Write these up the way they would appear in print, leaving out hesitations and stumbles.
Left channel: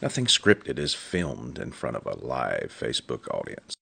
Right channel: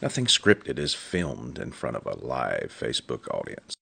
Nothing Scripted is filmed in front of a live Facebook audience.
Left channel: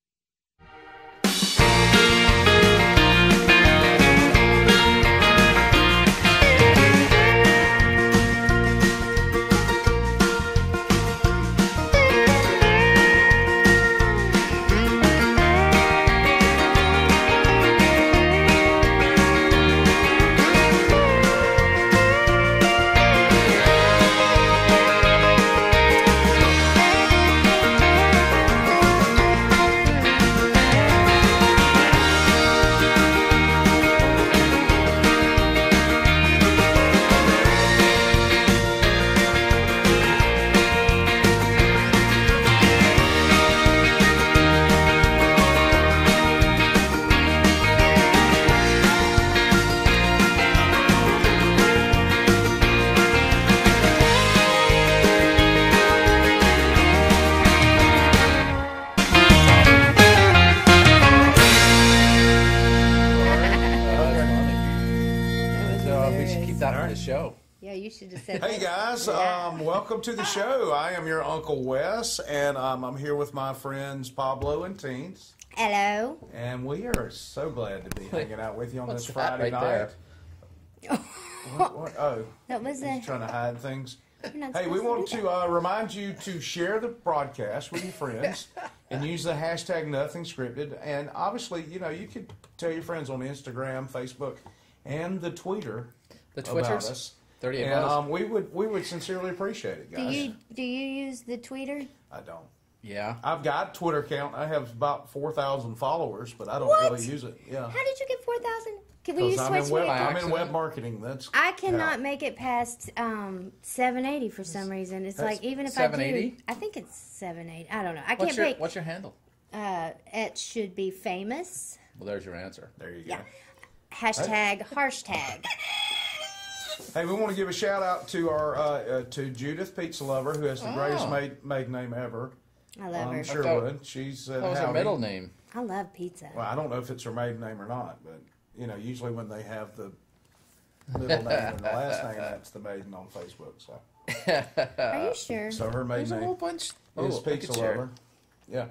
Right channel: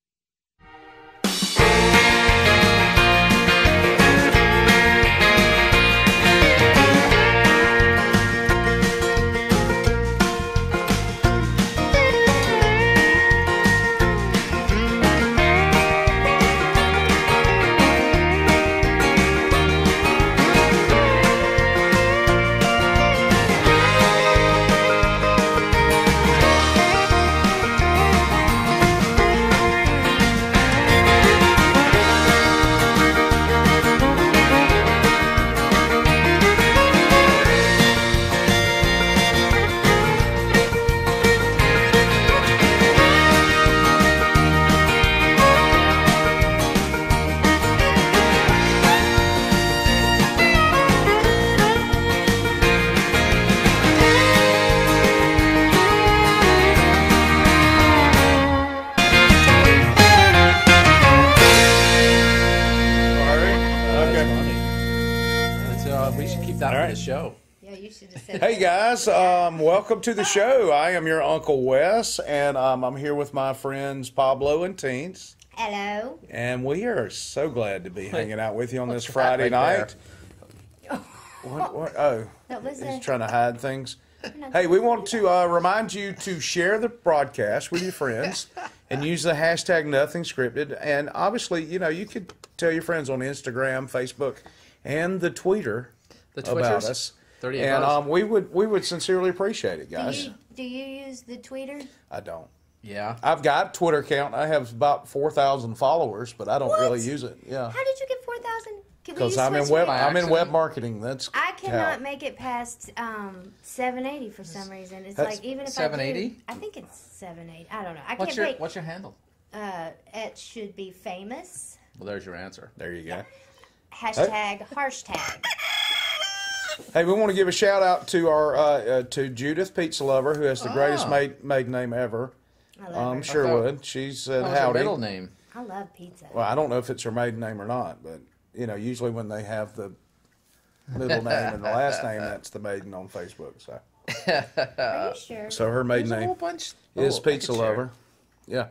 Hey guys, welcome to the show. I am your Uncle Wes, and I'm here with my friends Pablo and Teens. Hello. And we are so glad to be hanging out with you on this Friday night. What? Oh, he's trying to hide things. Hey, we want to remind you to share the broadcast with your friends and use the hashtag nothing_scripted. And obviously, you know, you could tell your friends on Instagram, Facebook, and the Twitter about us. And we would sincerely appreciate it, guys. Do you use the Twitter? I don't. Yeah. I've got a Twitter account. I have about 4,000 followers, but I don't really use it. Yeah. How did you get 4,000? Because I'm in web marketing. I cannot make it past 780 for some reason. It's like even if 780? I think it's 780. I don't know. What's your handle? It should be famous. Well, there's your answer. There you go. Yeah. #hashtag. Hey, we want to give a shout out to our to Judith Pizza Lover, who has the greatest maiden name ever. I love her. Sure would. She said What was her middle name? I love pizza. Well, I don't know if it's her maiden name or not, but you know, usually when they have the middle name and the last name, that's the maiden on Facebook. So, are you sure? So her maiden There's a whole name bunch. is Pizza Lover. Yeah.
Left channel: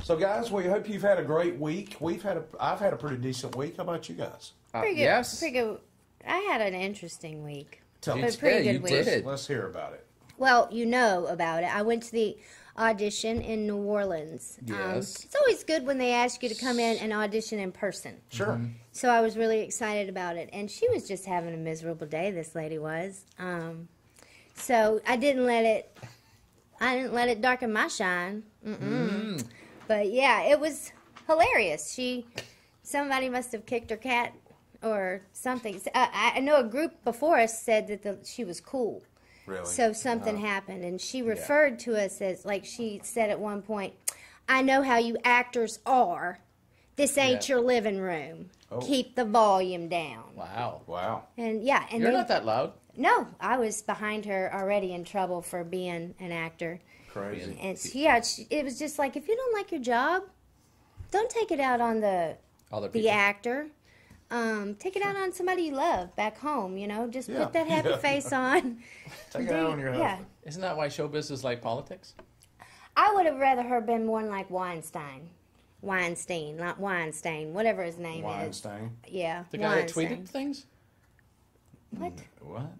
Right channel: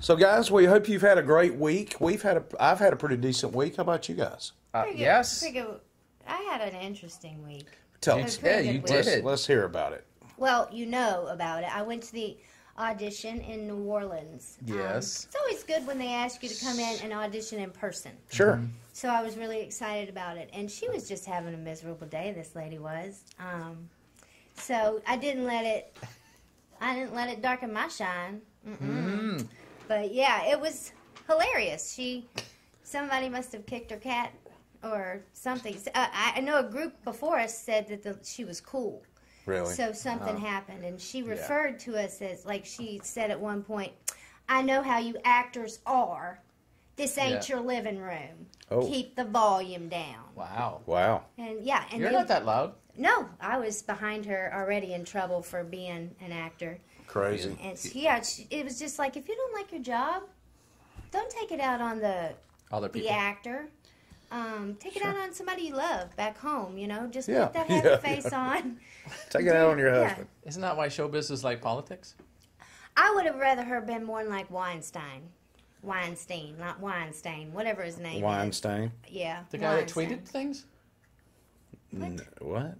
So, guys, we hope you've had a great week. I've had a pretty decent week. How about you guys? Yes. I had an interesting week. Tell us. You did. Let's hear about it. Well, you know about it. I went to the audition in New Orleans. Yes. It's always good when they ask you to come in and audition in person. Sure. Mm-hmm. So I was really excited about it. And she was just having a miserable day, this lady was. So I didn't let it darken my shine. But yeah, it was hilarious. Somebody must have kicked her cat or something. I know a group before us said that she was cool. Really? So something happened, and she referred to us as, like she said at one point, I know how you actors are. This ain't your living room. Oh. Keep the volume down. Wow. And you're not that loud. No, I was behind her already in trouble for being an actor. Crazy. And it was just like, if you don't like your job, don't take it out on the actor. Take it out on somebody you love back home, you know. Just put that happy face on. Take it out on your husband. Isn't that why showbiz is like politics? I would have rather her been more like Weinstein, not Weinstein, whatever his name is. Weinstein? Yeah. The guy that tweeted things? What?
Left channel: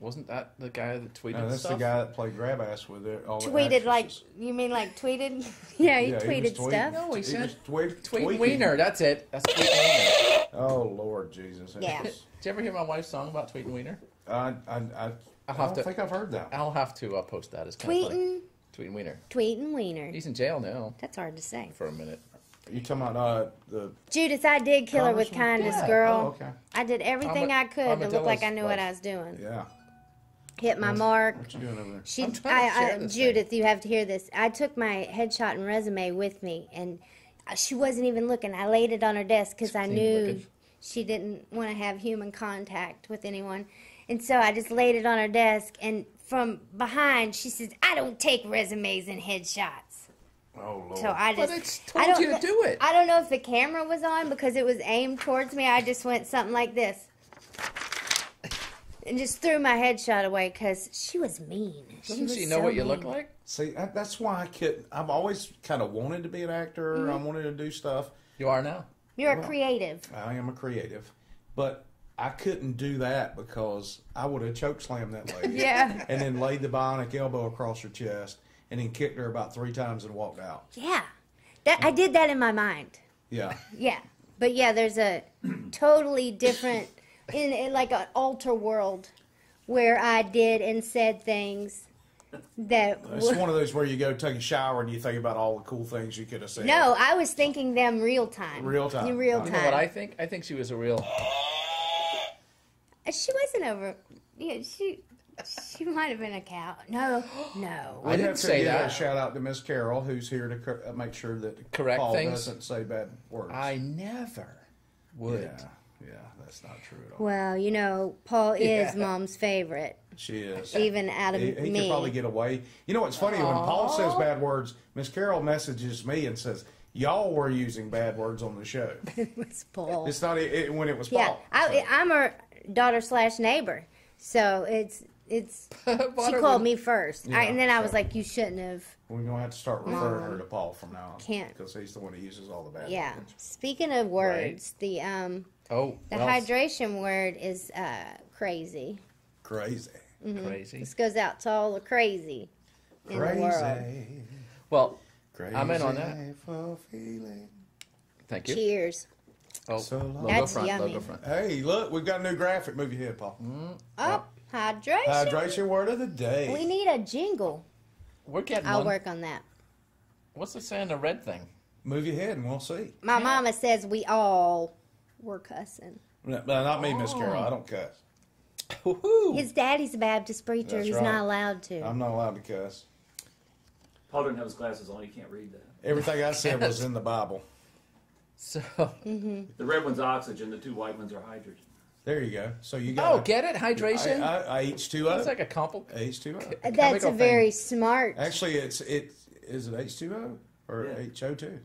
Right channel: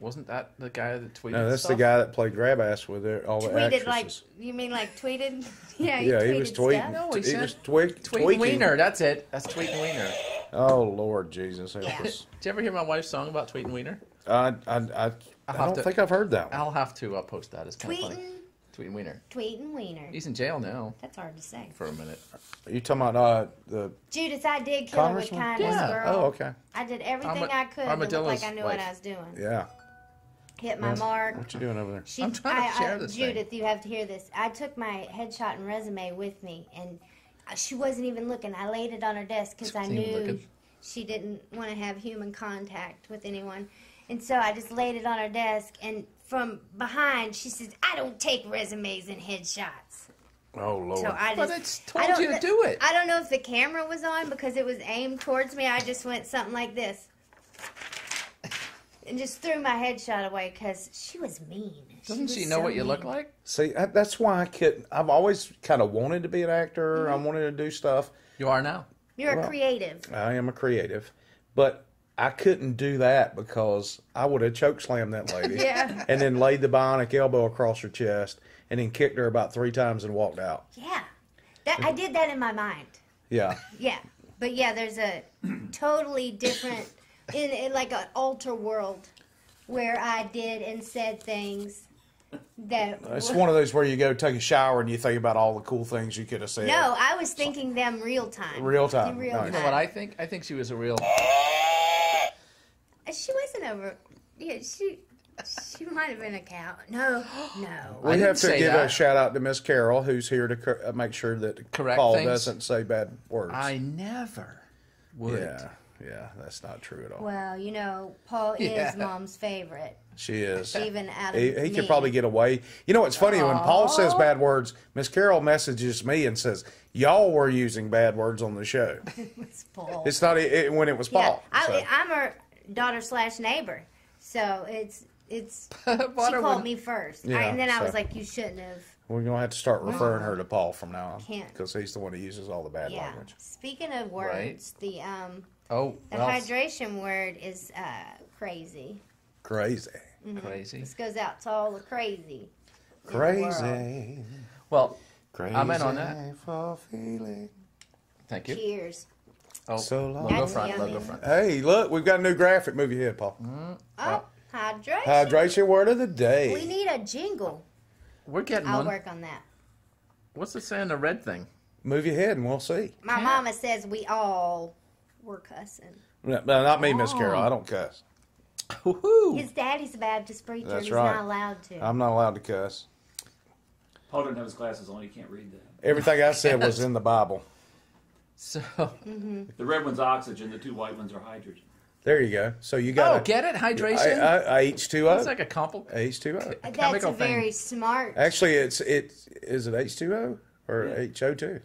Wasn't that the guy that tweeted No, that's stuff? the guy that played grab ass with all the actresses. Like, you mean like tweeted? Yeah, he was tweeted stuff. No, he was tweet Wiener, that's it. That's Tweet Wiener. Oh, Lord Jesus. Yeah. Did you ever hear my wife's song about Tweet Wiener? I don't think I've heard that one. I'll have to post that. It's kind of funny. Tweet Wiener. Tweeting Wiener. He's in jail now. That's hard to say. For a minute. Are you talking about the... Judith, I did kill her with kindness, girl. Oh, okay. I did everything I could to look like I knew what I was doing. Yeah. Hit my mark. What you doing over there? I'm trying to share this Judith, you have to hear this. I took my headshot and resume with me, and she wasn't even looking. I laid it on her desk because I knew she didn't want to have human contact with anyone. And so I just laid it on her desk, and from behind, she says, I don't take resumes and headshots. Oh, Lord. So but it's told you to do it. I don't know if the camera was on because it was aimed towards me. I just went something like this. and just threw my headshot away because she was mean. Doesn't she know what you look like? See, that's why I couldn't. I've always kind of wanted to be an actor. I wanted to do stuff. You are now. You're a creative. I am a creative, but I couldn't do that because I would have chokeslammed that lady. Yeah. And then laid the bionic elbow across her chest and then kicked her about 3 times and walked out. Yeah. I did that in my mind. Yeah. Yeah. But yeah, there's a totally different, in like an alter world where I did and said things that... It's one of those where you go take a shower and you think about all the cool things you could have said. No, I was thinking them real time. Real time. In real time. You know what I think? I think she was a real... She wasn't over... Yeah, she might have been a cow. No. We have to give a shout out to Miss Carol, who's here to make sure that Correct Paul things. doesn't say bad words. I never would. Yeah, that's not true at all. Well, you know, Paul is Mom's favorite. She is. Even out of he me. could probably get away. You know what's funny? When Paul says bad words, Miss Carol messages me and says, y'all were using bad words on the show. It was Paul. It's not when it was Paul. Yeah, I'm her daughter/neighbor. So it's she called me first. Yeah, and then I was like, you shouldn't have. We're going to have to start referring her to Paul from now on. Can't. Because he's the one who uses all the bad Yeah. language. Speaking of words, the hydration word is crazy. Crazy. Crazy. This goes out to all the crazy. in the world. Crazy. Well, Crazy. I'm in on that. For feeling. Thank you. Cheers. Oh, So long. logo That's front, yummy. logo front. Hey, look, we've got a new graphic. Move your head, Paul. Oh, hydration. Hydration word of the day. We need a jingle. We're getting I'll one. work on that. What's it saying, the red thing? Move your head and we'll see. My mama says we all were cussing. No, not me, Miss Carol. I don't cuss. Woohoo! His daddy's a Baptist preacher. That's He's right. not allowed to. I'm not allowed to cuss. Paul didn't have his glasses on. You can't read that. Everything I said was in the Bible. So, The red one's oxygen. The 2 white ones are hydrogen. There you go. So you got get it? Hydration? H2O. It's like a compliment. H2O. That's chemical a very thing. smart. Actually, is it H2O or Yeah. HO2?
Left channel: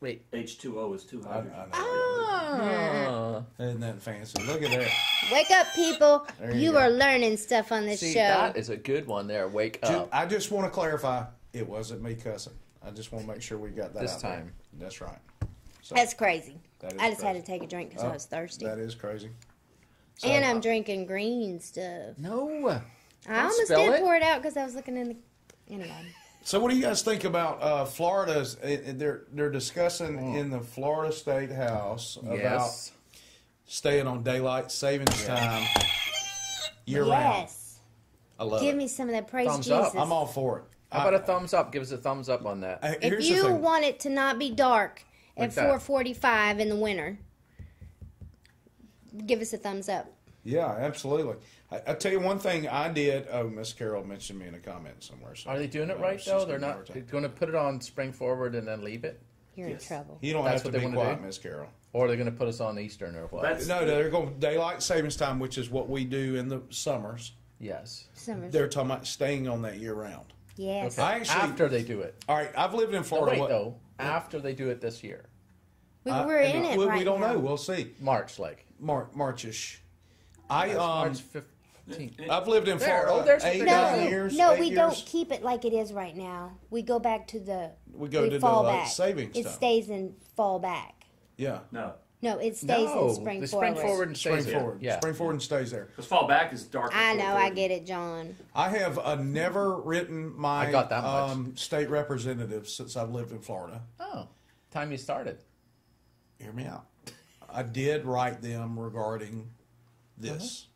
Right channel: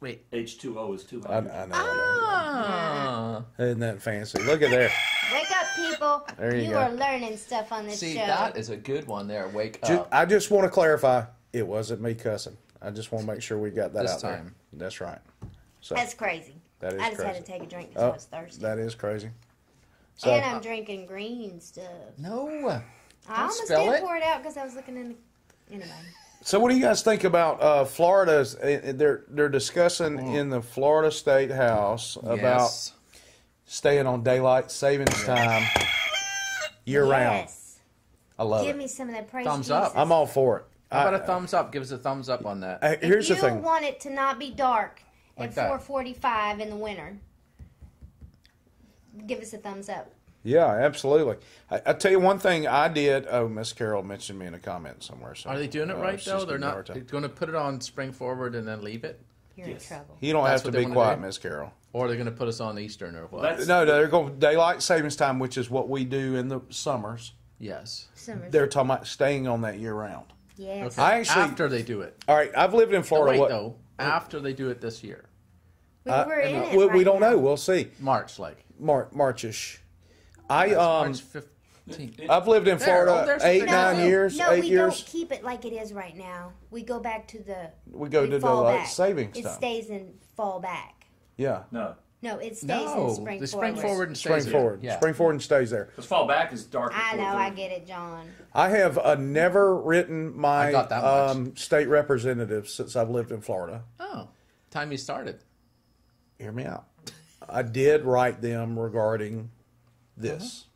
Wait. H2O is 2 I hydrogen. know. Ah. Isn't that fancy? Look at that. Wake up, people. There you You go. are learning stuff on this See, show. that is a good one there. Wake up. I just want to clarify, it wasn't me cussing. I just want to make sure we got that This out there. time. That's right. So, That's crazy. that is I just crazy. had to take a drink because Oh, I was thirsty. That is crazy. So, And I'm drinking green stuff. No. I almost spill didn't it. pour it out because I was looking in the... Anyway. So what do you guys think about Florida's? They're discussing in the Florida State House about Yes. staying on daylight savings time year round. Yes. I love Give it. me some of that praise Thumbs Jesus. up. I'm all for it. How about a thumbs up? Give us a thumbs up on that. Here's If the you thing. want it to not be dark Like at that. 4:45 in the winter, give us a thumbs up. Yeah, absolutely. I tell you one thing I did. Oh, Miss Carol mentioned me in a comment somewhere. So, Are they doing it right, she's though? giving They're me a not hard time. going to put it on spring forward and then leave it? You're Yes. in trouble. You don't That's have to what they be wanna quiet, do? Miss Carol. Or they're going to put us on Eastern or what? That's No, they're going daylight savings time, which is what we do in the summers. Yes. Summers. They're talking about staying on that year round. Yes. Okay. I actually- After they do it. All right, I've lived in Oh, Florida. wait, what- though. After they do it this year. We're in it we right don't now. know. We'll see. March, like. Marchish. I March 15th. I've lived in There, Florida oh, there's a 9 picture. years. No, 8 we years. don't keep it like it is right now. We go back to the. We go to fall daylight back. savings It time. stays in fall back. Yeah, no. No, it stays in No, spring the forward. spring forward and spring stays there. forward. Yeah. Spring forward and stays there. Because fall back is dark. I know, I get it, John. I have never written my I got that much. state representative since I've lived in Florida. Oh, time you started. Hear me out. I did write them regarding this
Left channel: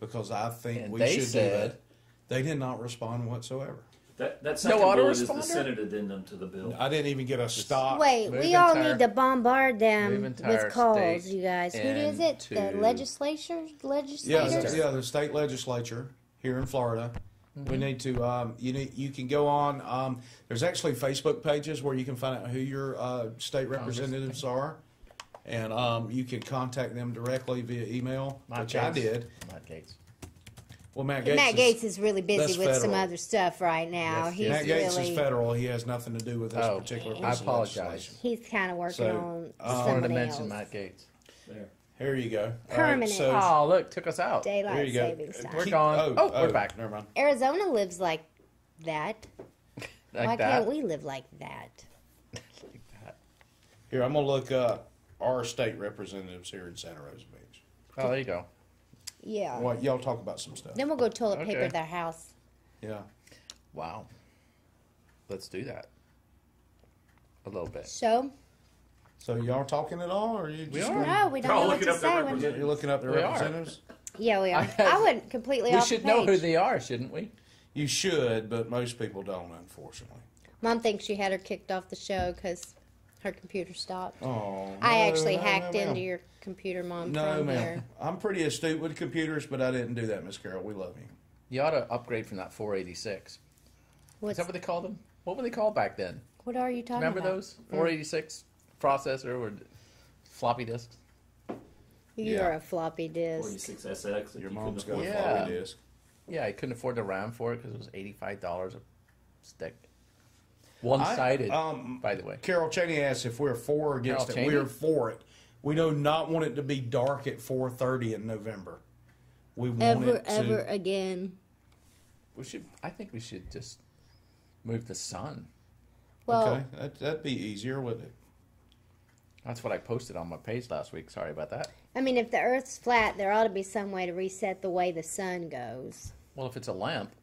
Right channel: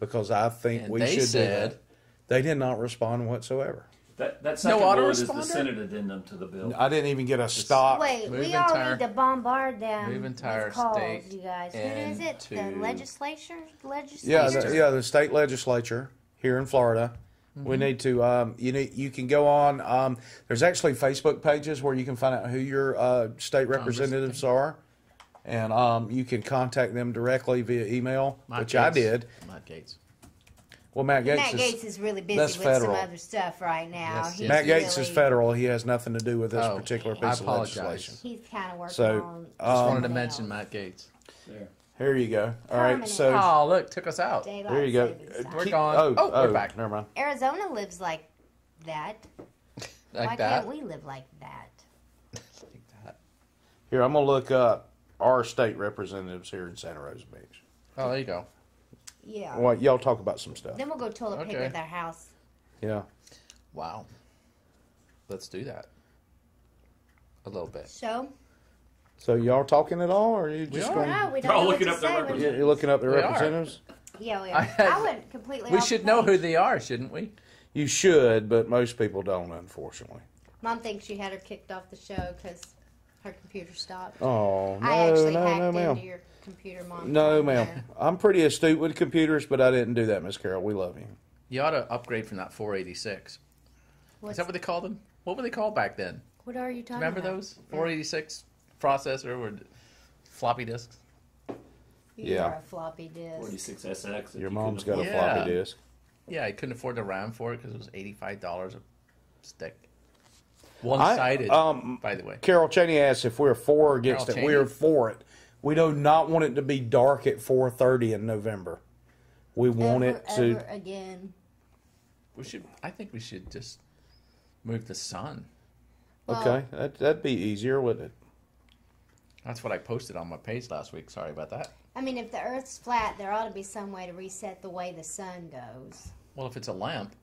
because I think And we they should do said- that. They did not respond whatsoever. That second bill is the autoresponder? Senate addendum to the bill. I didn't even get a stop. Wait, Move we all entire- need to bombard them move entire with calls, state you guys. Who is it? The into- legislature? Yeah, Legislators? the state legislature here in Florida. We need to. You can go on. There's actually Facebook pages where you can find out who your state representatives are, and you can contact them directly via email, which I did. Matt Gates. Well, Matt Gates, Matt Gates is really busy that's with some federal. other stuff right now. Yes, He's Matt Gates really, is federal. He has nothing to do with this Oh, particular I piece of apologize. legislation. He's kind of working So, on. I wanted to somebody mention else. Matt Gates. There. Here you go. All right, Permanent. so Oh, look, took us out. Daylight there you go. savings time. We're gone. Oh, we're back. Never mind. Arizona lives like that. Like Why that. can't we live like that? Like that. Here, I'm gonna look up our state representatives here in Santa Rosa Beach. Oh, there you go. Yeah. Well, y'all talk about some stuff. Then we'll go toilet paper Okay. their house. Yeah. Wow. Let's do that. A little bit. So? So y'all talking at all, or are you just We are. going- No, we They're don't all know what looking to up their say. representatives. You're looking up the We are. representatives? Yeah, we are. I went completely We off should the know who page. they are, shouldn't we? You should, but most people don't, unfortunately. Mom thinks she had her kicked off the show because her computer stopped. Oh, I no, actually no, no, hacked ma'am. into your computer, Mom. No, from ma'am. there. I'm pretty astute with computers, but I didn't do that, Miss Carol. We love you. You ought to upgrade from that 486. What's, Is that what they called them? What were they called back then? what are you talking Remember about? those? 486 processor or floppy disks? You're Yeah. a floppy disk. 46SX. Your mom's got a Yeah. floppy disk. Yeah, I couldn't afford the RAM for it because it was $85 a stick. One-sided, by the way. Carol Cheney asks if we're for or against Carol it. We're Cheney? for it. We do not want it to be dark at 4:30 in November. We want Ever, it to. ever again. I think we should just move the sun. Well, Okay, that'd be easier, wouldn't it? That's what I posted on my page last week. Sorry about that. I mean, if the Earth's flat, there ought to be some way to reset the way the sun goes. Well, if it's a lamp,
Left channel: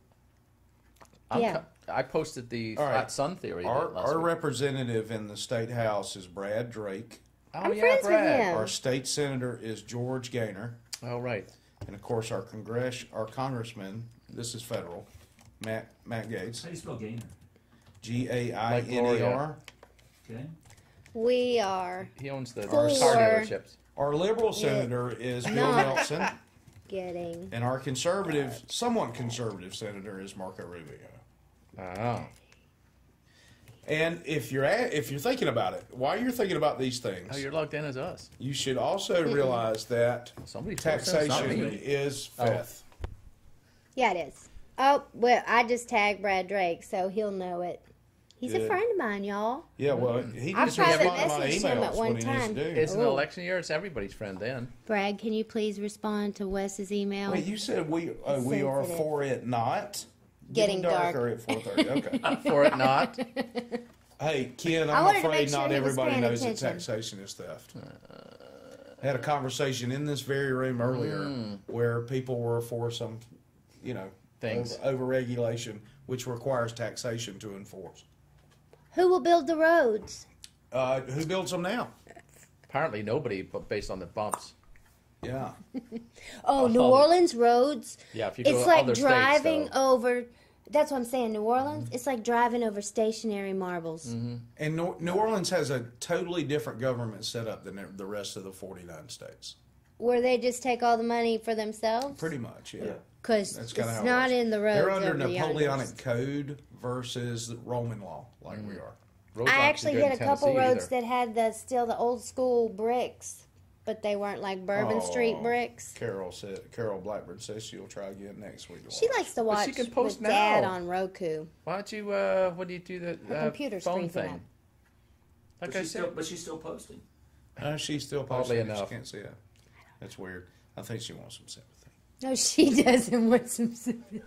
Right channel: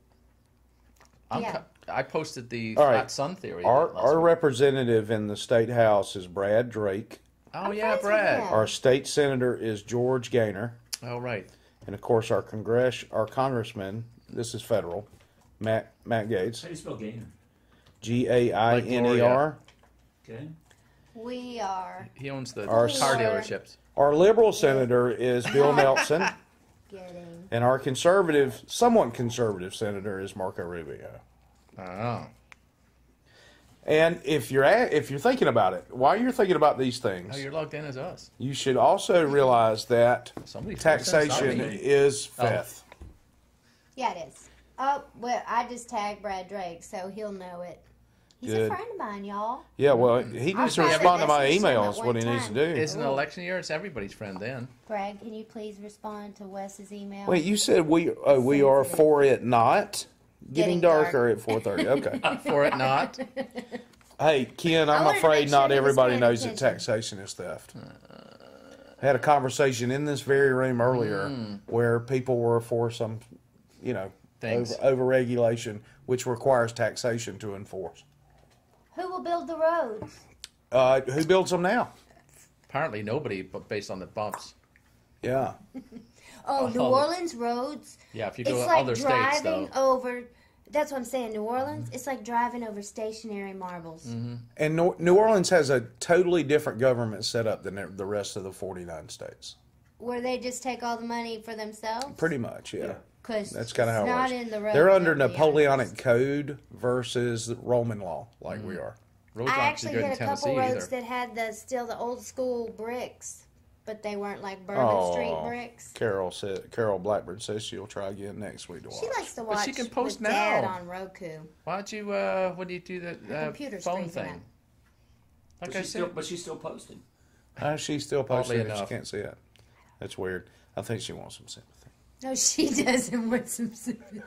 Yeah. I posted the All right. flat sun theory Our last week. representative in the state house is Brad Drake. Oh I'm yeah, friends with Brad. him. Our state senator is George Gaynor, Oh right. and of course our congressman. This is federal. Matt Gates. How do you spell Gainer? Gainer. Okay. We are He owns the Our car senator- dealerships. Our liberal senator is Bill Nelson, getting. and our conservative, somewhat conservative senator is Marco Rubio. Oh. And if you're thinking about it, while you're thinking about these things, Oh, you're logged in as us. you should also realize that Somebody's posting, it's not taxation me. is Oh. theft. Yeah, it is. Oh, well, I just tagged Brad Drake, so he'll know it. He's a Good. friend of mine, y'all. Yeah, well, he I've needs to tried to respond to my message him at emails one when he needs to time. do. It's an election year. It's everybody's friend then. Brad, can you please respond to Wes's email? Wait, you said we are Sensitive. for it not getting Getting dark. darker at 4:30. Okay. For it not. Hey, Ken, I I'm wanted to afraid make sure not he was everybody paying knows that attention. taxation is theft. Had a conversation in this very room earlier where people were for some, Things. over regulation, which requires taxation to enforce. Who will build the roads? Who builds them now? Apparently nobody, but based on the bumps. Yeah. Oh, New Oh. Orleans roads. Yeah, if you go It's to like other states, driving though. over. That's what I'm saying. New Orleans. It's like driving over stationary marbles. And New Orleans has a totally different government setup than the rest of the 49 states. Where they just take all the money for themselves. Pretty much, yeah. Because That's it's kind of how it not works. in the roads. They're under of the Napoleonic others. code versus Roman law, like we are. Roads I aren't too actually good in hit a couple Tennessee roads either. that had still the old school bricks, but they weren't like Bourbon Street bricks. Carol Blackbird says she'll try again next week to watch. She likes to But watch she can post with Dad now. on Roku. Why don't you? What do you do the computer phone streams thing? Like But I she's said, but she's still posting. She's still Oddly posting it. She enough. can't see it. That's weird. I think she wants some sympathy. No, she doesn't want some sympathy.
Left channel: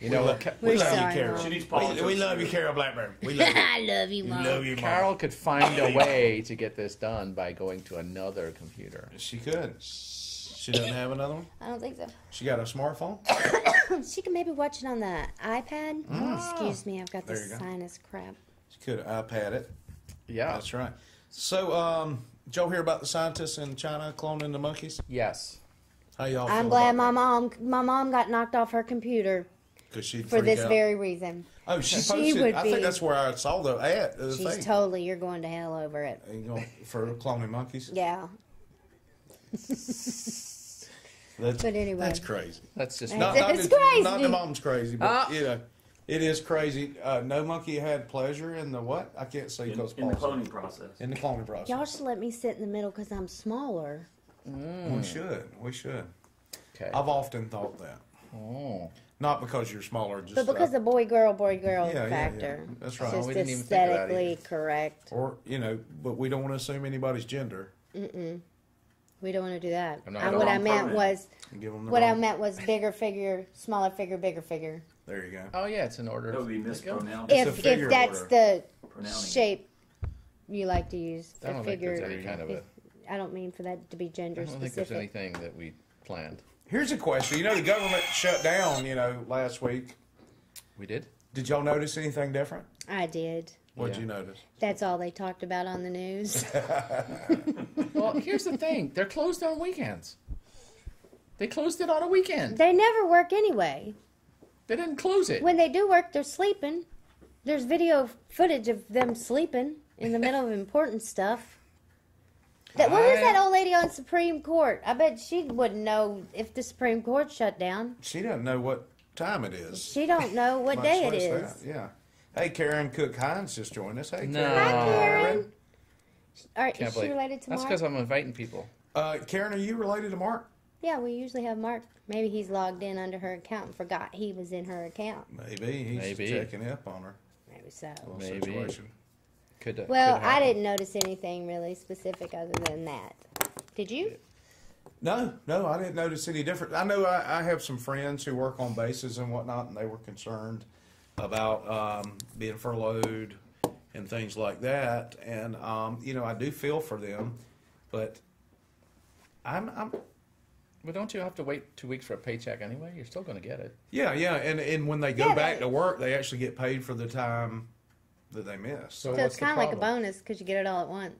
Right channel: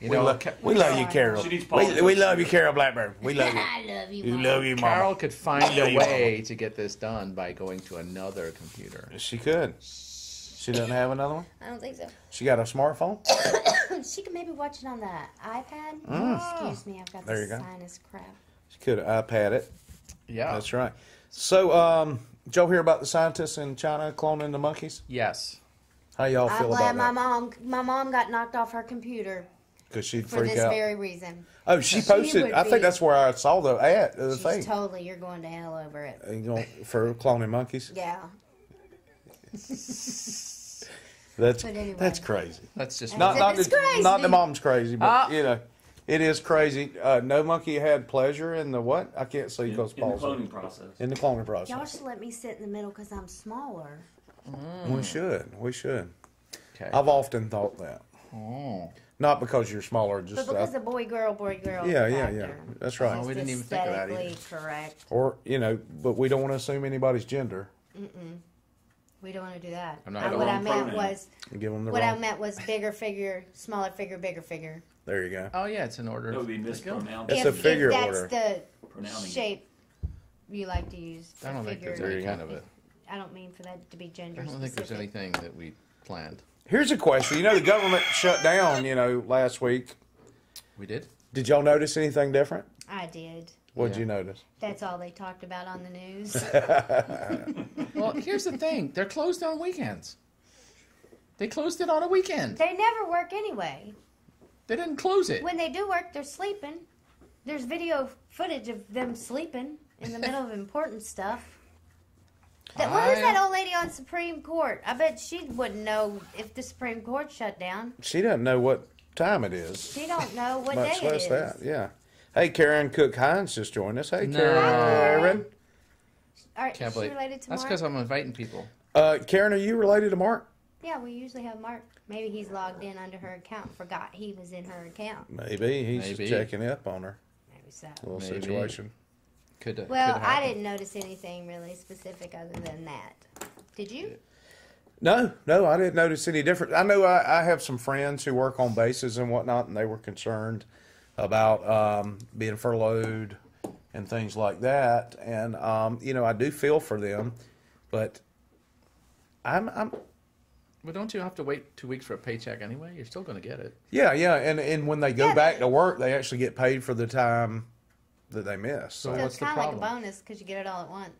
you know, We We're love sorry, you, Carol. She needs We politics. love you, Carol Blackbird. We love you. I love you, We Mom. love you, Mom. Carol could find a way to get this done by going to another computer. She could. She doesn't have another one? I don't think so. She got a smartphone? She can maybe watch it on the iPad. Excuse me, I've got There this you go. sinus crap. She could iPad it. Yeah. That's right. So, did y'all hear about the scientists in China cloning the monkeys? Yes. How y'all I'm feel glad about my mom got knocked off her computer Because she for freaked this out. very reason. Oh, she She posted. would I think be- that's where I saw the ad. The She's thing. totally, you're going to hell over it. For cloning monkeys. Yeah. That's But anyway. that's crazy. That's just It's crazy. Not the mom's crazy, but Ah. it is crazy. No monkey had pleasure in the what? I can't see In because the cloning process. in the cloning process. Y'all should let me sit in the middle because I'm smaller. We should. okay. I've often thought that. Oh. Not because you're smaller, just But because the boy girl Yeah, factor. that's right. It's We just didn't even think of that aesthetically correct. or but we don't want to assume anybody's gender. We don't want to do that. I'm not And gonna- what I meant was, Give them the what I wrong. meant was bigger figure, smaller figure, bigger figure. There you go. Oh yeah, it's an order. That would be There you go. mispronounced. It's a figure if that's order. the Pronouncing. shape you like to use. I don't think there's figure. any kind of a. I don't mean for that to be gender I don't think specific. there's anything that we planned. Here's a question. You know, the government shut down, last week. We did. Did y'all notice anything different? I did. What'd Yeah. you notice? That's all they talked about on the news. Well, here's the thing: they're closed on weekends. They closed it on a weekend. They never work anyway. They didn't close it. When they do work, they're sleeping. There's video footage of them sleeping in the middle of important stuff. What was that old lady on Supreme Court? I bet she wouldn't know if the Supreme Court shut down. She doesn't know what time it is. She don't know what Much day it less is. that, yeah. Hey, Karen Cook-Hines just joined us. Hey, No. Karen. Hi, Karen. Karen. Is Can't she believe. related to That's Mark? because I'm inviting people. Karen, are you related to Mark? Yeah, we usually have Mark. Maybe he's logged in under her account and forgot he was in her account. Maybe. He's Maybe. checking up on her Maybe so. little Maybe. situation. Could Well, could I happen. didn't notice anything really specific other than that. Did you? No, I didn't notice any difference. I know I have some friends who work on bases and whatnot, and they were concerned about being furloughed and things like that. And I do feel for them, but I'm Well, don't you have to wait 2 weeks for a paycheck anyway? You're still going to get it. yeah, and when they go back to work, they actually get paid for the time that they missed. So So what's it's the kind of like a problem? bonus because you get it all at once.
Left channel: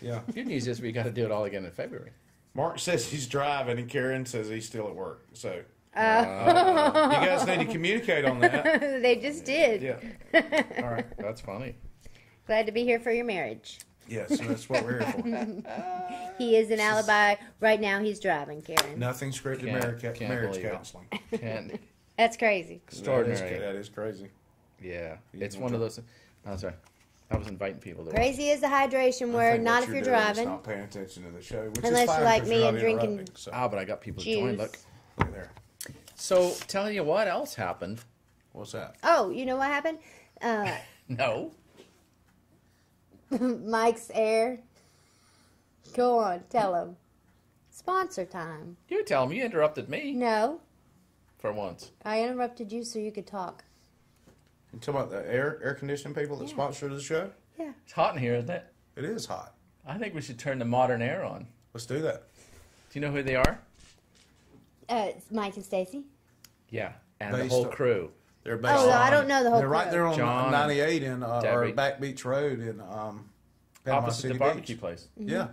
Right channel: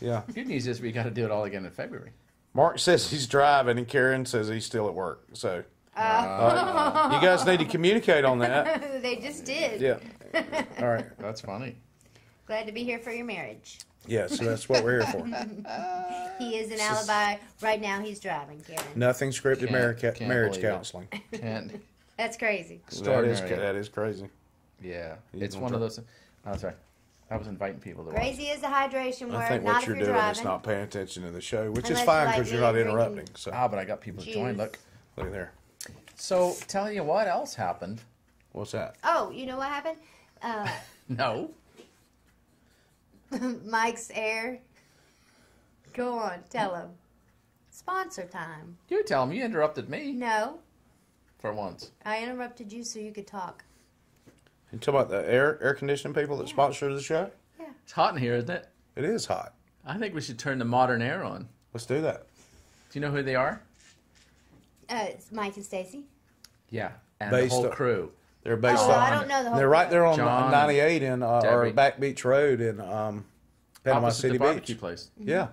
Yeah. Good news is we got to do it all again in February. Mark says he's driving, and Karen says he's still at work. So you Uh, guys need to communicate on that. They just did. Yeah. All right. That's funny. Glad to be here for your marriage. Yes, that's what we're here for. He is an alibi. Right now he's driving, Karen. Nothing scripted marriage Can't marriage believe it. counseling. And That's crazy. extraordinary. That is crazy. Yeah, it's one of those. I'm sorry. I was inviting people to watch. Crazy is the hydration I word, think not what if you're you're doing is driving. not paying attention to the show, which Unless is fine you're like because me you're not and drinking interrupting. So Ah, but I got people to join. Juice. Look. look there. So, tell you what else happened. What's that? Oh, you know what happened? No. Mike's Air. Go on, tell him. Sponsor time. You tell them. You interrupted me No, for once. I interrupted you so you could talk. You talking about the air conditioning people that sponsor the show? Yeah. It's hot in here, isn't it? It is hot. I think we should turn the modern air on. Let's do that. Do you know who they are? It's Mike and Stacy. Yeah, and Based the whole on- crew. They're based Oh, on. I don't know the whole They're right crew. there on John, 98 in or Debbie. Back Beach Road in Panama Opposite City the barbecue Beach. place. Yeah,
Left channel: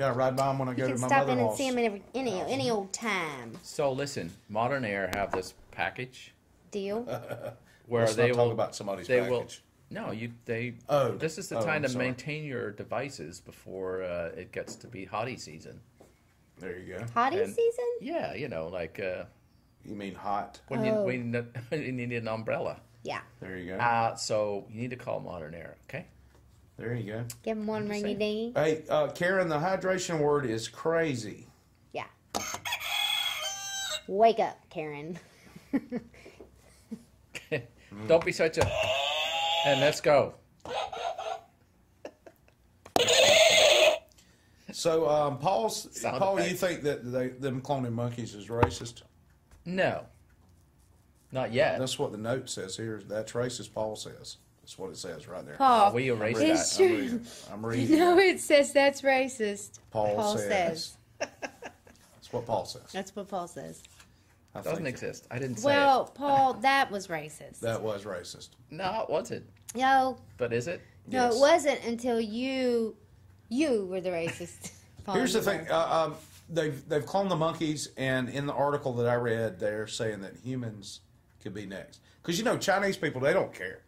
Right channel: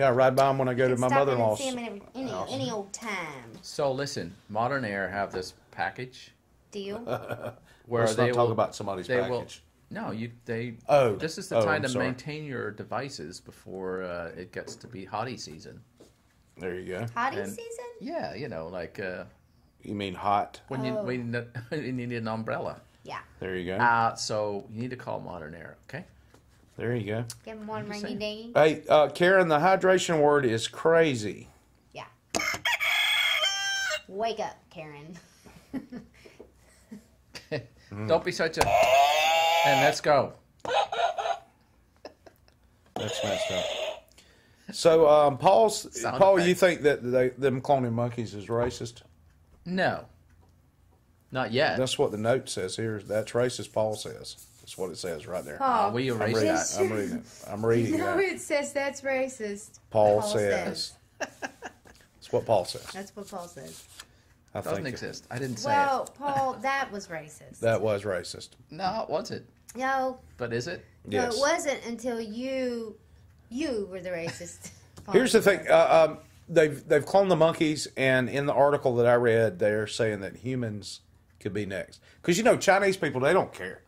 I ride by them when I go You to can my stop in and mother-in-law's. see him any old time. So listen, Modern Air have this package Deal. where Let's they not will talk about somebody's they package. will no they Oh, this is the oh, time I'm to sorry. maintain your devices before it gets to be hottie season. There you go. Hottie And- season? Yeah, like You mean hot? when Oh. you need an umbrella. Yeah. There you go. So you need to call Modern Air, okay? There you go. Give him one just ringy dingy. Hey, Karen, the hydration word is crazy. Yeah. Wake up, Karen. Don't be such a and let's go. So, Paul, effect. you think that them cloning monkeys is racist? No. Not yet. That's what the note says here. That's racist, Paul says. That's what it says right there. Paul. We erase reading that. I'm reading it. I'm reading No, it. it says that's racist. Paul says. That's what Paul says. That's what Paul says. I Doesn't think exist. I didn't say Well, Paul, that was racist. that was racist. it. No, it wasn't. No, But is it? Yes. no, it wasn't until you were the racist. Paul, Here's the you thing. were. They've cloned the monkeys, and in the article that I read, they're saying that humans could be next. Because Chinese people, they don't care.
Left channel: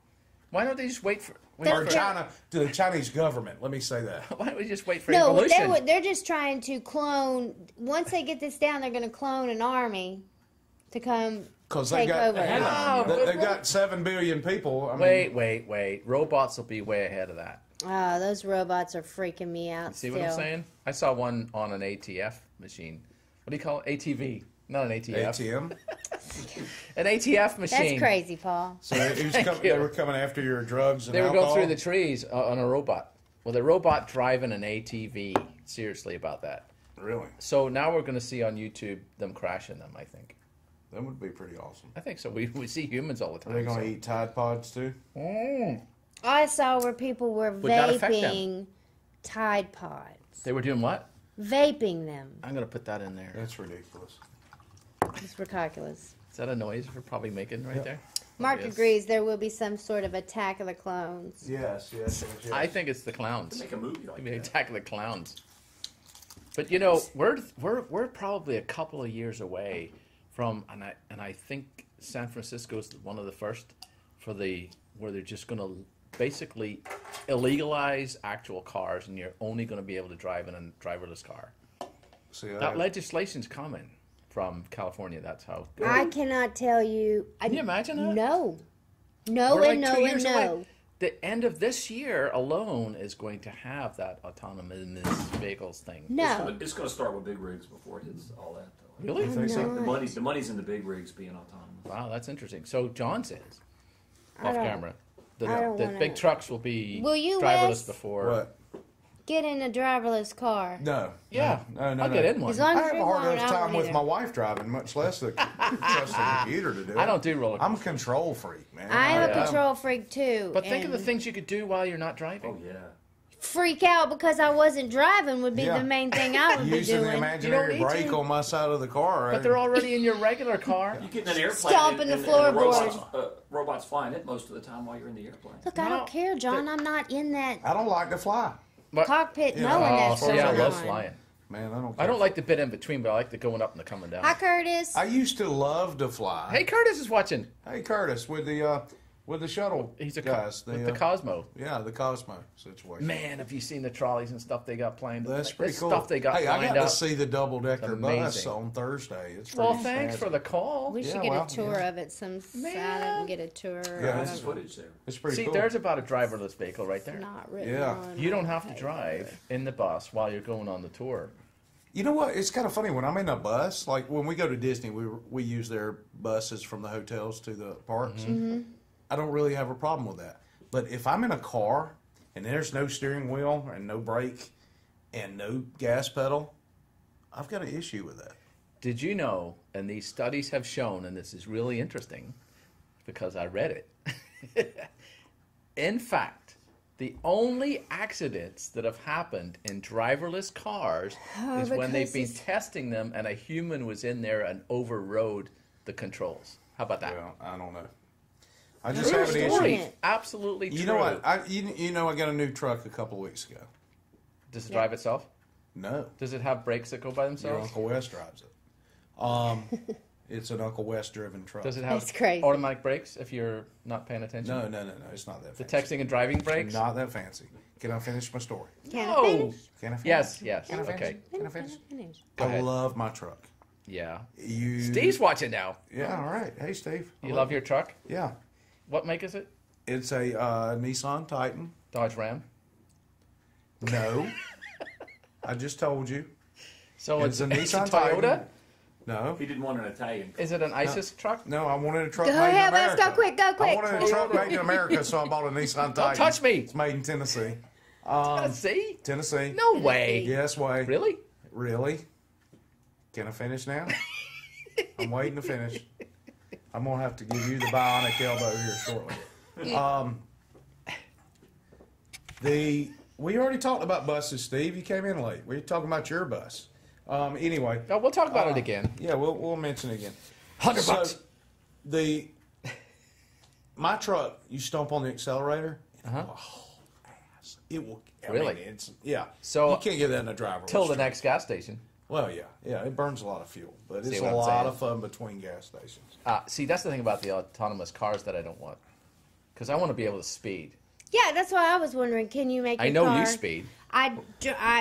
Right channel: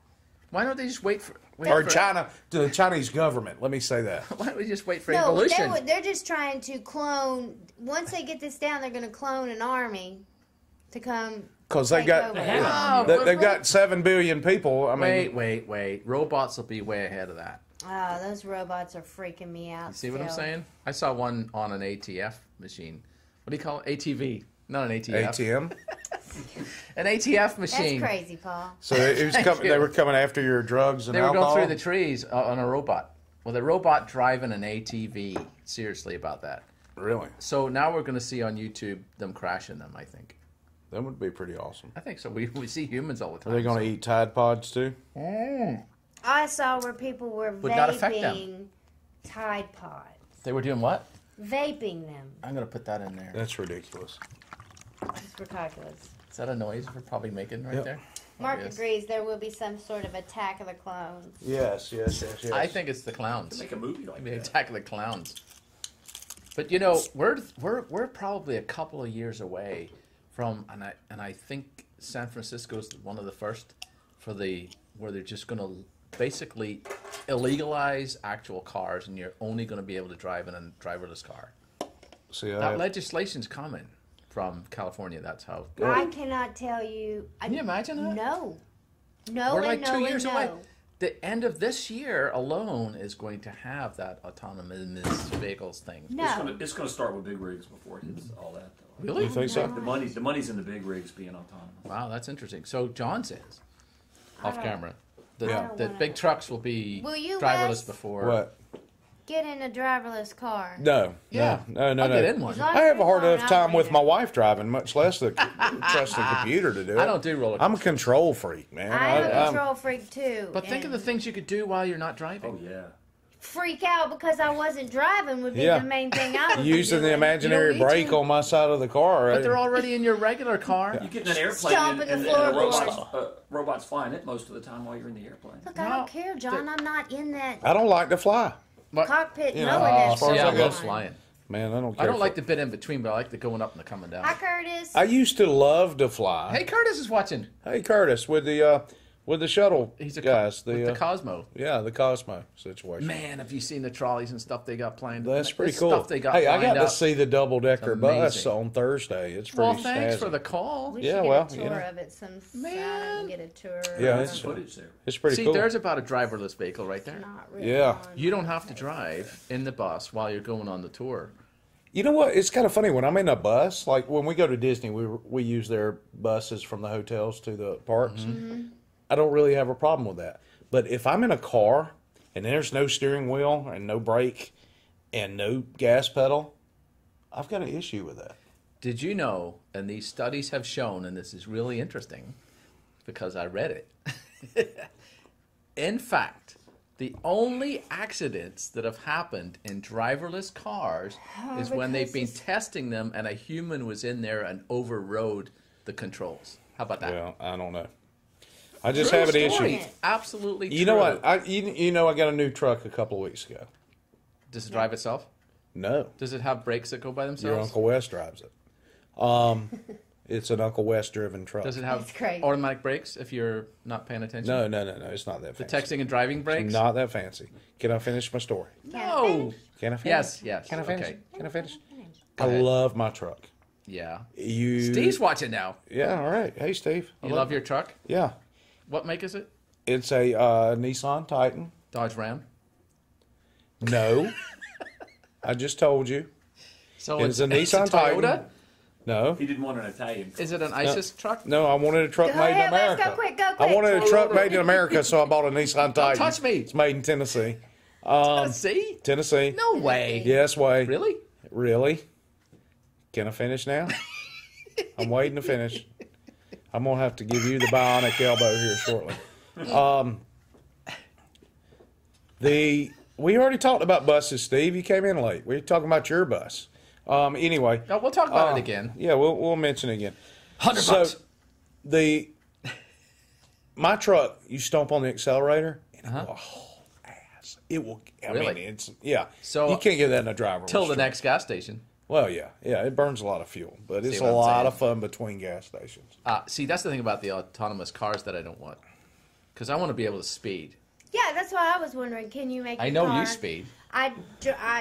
Why don't they just wait for Or the Chinese government. Let me say that. Why don't we just wait for No, evolution? they're just trying to clone. Once they get this down, they're going to clone an army to come Because take they've got over. they've got 7 billion people. I mean, Wait. Robots will be way ahead of that. Oh, those robots are freaking me out. You see what I'm still. saying? I saw one on an ATF machine. What do you call it? ATV. Not an ATF. ATM. An ATF machine. That's crazy, Paul. So they were coming after your drugs and They were alcohol. going through the trees on a robot. Well, the robot driving an ATV. Seriously about that. Really? So now we're going to see on YouTube them crashing them, I think. That would be pretty awesome. I think so. We see humans all the time. Are they going to eat Tide Pods too? I saw where people were Would not affect them. vaping Tide Pods. They were doing what? Vaping them. I'm going to put that in there. That's ridiculous. It's ridiculous. Is that a noise we're probably making right there? Mark Yes. agrees there will be some sort of attack of the clones. Yes. I think it's the clowns. Make a movie like Maybe that. Attack of the Clowns. But we're probably a couple of years away from, and I think San Francisco is one of the first where they're just going to basically illegalize actual cars, and you're only going to be able to drive in a driverless car. See, That legislation's coming from California. That's how. I cannot tell you. Can you imagine that? No. We're like no, 2 years no. away. The end of this year alone is going to have that autonomous vehicles thing. No. It's going to start with big rigs before it hits all that, though. Really? You think so? The money's in the big rigs being autonomous. Wow, that's interesting. So John says, off don't- camera, I don't the wanna- big trucks will be Will you, driverless Wes? before. What? Get in a driverless car. No. Yeah, No. I'll get in one. As long I as have a you're hard alone, enough I time won't with either. my wife driving, much less the trust the computer to do it. I don't do roller I'm a coasters. control freak, man. I am a I'm- control freak too. But think of the and things you could do while you're not driving. Oh, yeah. freak out because I wasn't driving would be Yeah. the main thing I would Using be the doing. imaginary You don't need brake to. on my side of the car. But they're already in your regular car. You get in an airplane Stomping and the a floorboards. robot's flying it most of the time while you're in the airplane. Look, I No, don't care, John. I'm not in that I don't like to fly. cockpit Yeah. knowing Oh, that. far see, as I I love know. flying. Man, I don't care. I don't like the bit in between, but I like the going up and the coming down. Hi, Curtis. I used to love to fly. Hey, Curtis is watching. Hey, Curtis, with the shuttle He's a guys. with the Cosmo. Yeah, the Cosmo situation. Man, have you seen the trolleys and stuff they got planned? That's pretty The cool. Stuff they got hey, I lined got up. to see the double-decker bus Amazing. on Thursday. It's pretty Well, thanks snazzy. for the call. We Yeah, should get well, a tour yeah. of it some Man. Saturday. Get a tour. Yeah, of it's- it. Footage there. It's pretty See, cool. there's about a driverless vehicle right there. Not really Yeah. on. You don't have to drive in the bus while you're going on the tour. You know what? It's kind of funny when I'm in a bus. Like when we go to Disney, we use their buses from the hotels to the parks. I don't really have a problem with that. But if I'm in a car and there's no steering wheel and no brake and no gas pedal, I've got an issue with that. Did you know, and these studies have shown, and this is really interesting because I read it. In fact, the only accidents that have happened in driverless cars is when they've been testing them and a human was in there and overrode the controls. How about that? Well, I don't know. I just True have an story. issue. Absolutely true. You know what? I got a new truck a couple of weeks ago. Does it drive itself? No, Does it have brakes that go by your themselves? Uncle Wes drives it. It's an Uncle Wes driven truck. Does it have That's crazy. automatic brakes if you're not paying attention? No, it's not that The fancy. texting and driving brakes? Not that fancy. Can I finish my story? No. Can I finish? Yes. Can I finish? Okay. Can I finish? Go I ahead. love my truck. Yeah. You. Steve's watching now. Yeah. All right. Hey, Steve. You love your truck? Yeah. What make is it? It's a Nissan Titan. Dodge Ram. No. I just told you. So It's a it's Nissan Toyota. Titan. No. He didn't want an Italian. Is it an ISIS truck? No, I wanted a truck Go made in ahead, let's America. go quick, go I quick. wanted a truck made in America, so I bought a Nissan Titan. Don't touch me. It's made in Tennessee. Tennessee? Tennessee. No way. Yes, way. Really? Really? Can I finish now? I'm waiting to finish. I'm going to have to give you the bionic elbow here shortly. We already talked about buses, Steve. You came in late. We were talking about your bus. Anyway. No, we'll talk about it again. Yeah, we'll mention it again. $100. My truck, you stomp on the accelerator, and it will haul ass. It will. I Really? mean, yeah. So, you can't get that in a driver. Till the next gas station. Well, yeah. It burns a lot of fuel, but it's See a what I'm lot saying? of fun between gas stations. See, that's the thing about the autonomous cars that I don't want. Because I want to be able to speed. Yeah, that's why I was wondering. Can you make? I your know car? you speed.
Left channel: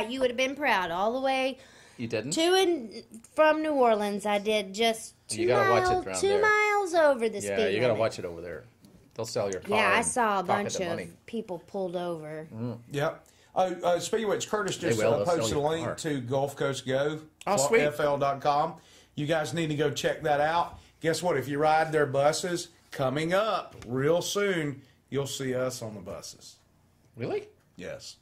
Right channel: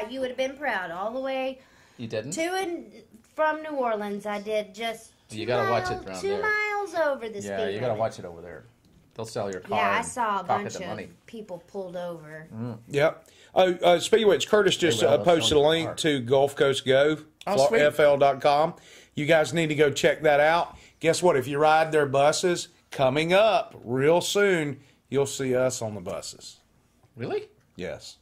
You would have been proud all the way You didn't? to and from New Orleans. I did just. You gotta watch it around 2 there. miles over the speed Yeah, you got to limit. watch it over there. They'll sell your car Yeah, I and saw a pocket bunch the of money. people pulled over. Yep. Oh, speaking of which, Curtis just They will. They'll posted sell a you a link car. to Gulf Coast Go, Oh, sweet. FL.com. You guys need to go check that out. Guess what? If you ride their buses, coming up real soon, you'll see us on the buses. Really? Yes.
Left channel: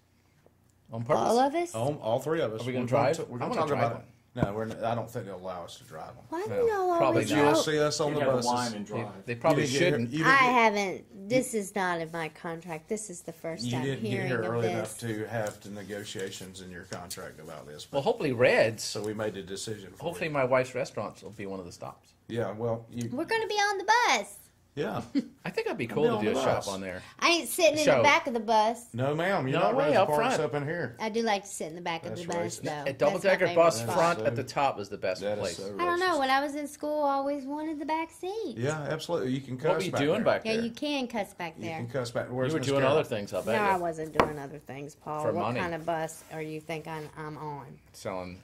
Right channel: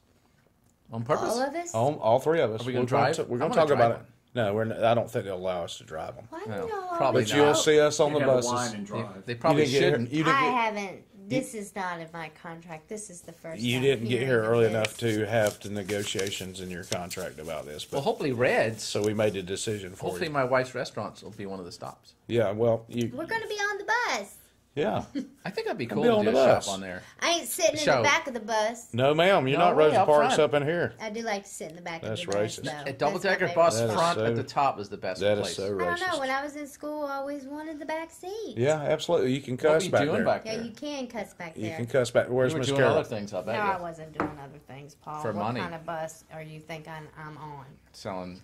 On purpose? All of us? All three of us. Are we gonna We're drive? We're I'm going to gonna talk drive about one. it. No, I don't think they'll allow us to drive them. Why do No, y'all probably always But not. you'll see us on the You gotta buses. wine and drive. They probably You didn't get shouldn't. here- you didn't I get- haven't. This is not in my contract. This is the first You time didn't get hearing here of early this. enough to have the negotiations in your contract about this. Well, But, hopefully Reds. so we made a decision for Hopefully you. my wife's restaurants will be one of the stops. Yeah, well, you. We're going to be on the bus. Yeah. I think that'd be cool be to on do the a bus. shop on there. I ain't sitting in Show. the back of the bus. No, ma'am. You're No not way, Rosa up Parks front. up in here. I do like to sit in the back That's of the bus, racist. though. A double-decker That's my bus favorite That is front so- at the top is the best That place. is so racist. I don't know. When I was in school, I always wanted the back seat. Yeah, absolutely. You can cuss What were you back doing there. back Yeah, there? you can cuss back You there. can cuss back. Where's You were Miss doing Carol? other things, I No, bet I you. wasn't doing other things, Paul. For what money. kind of bus are you think I'm on? Selling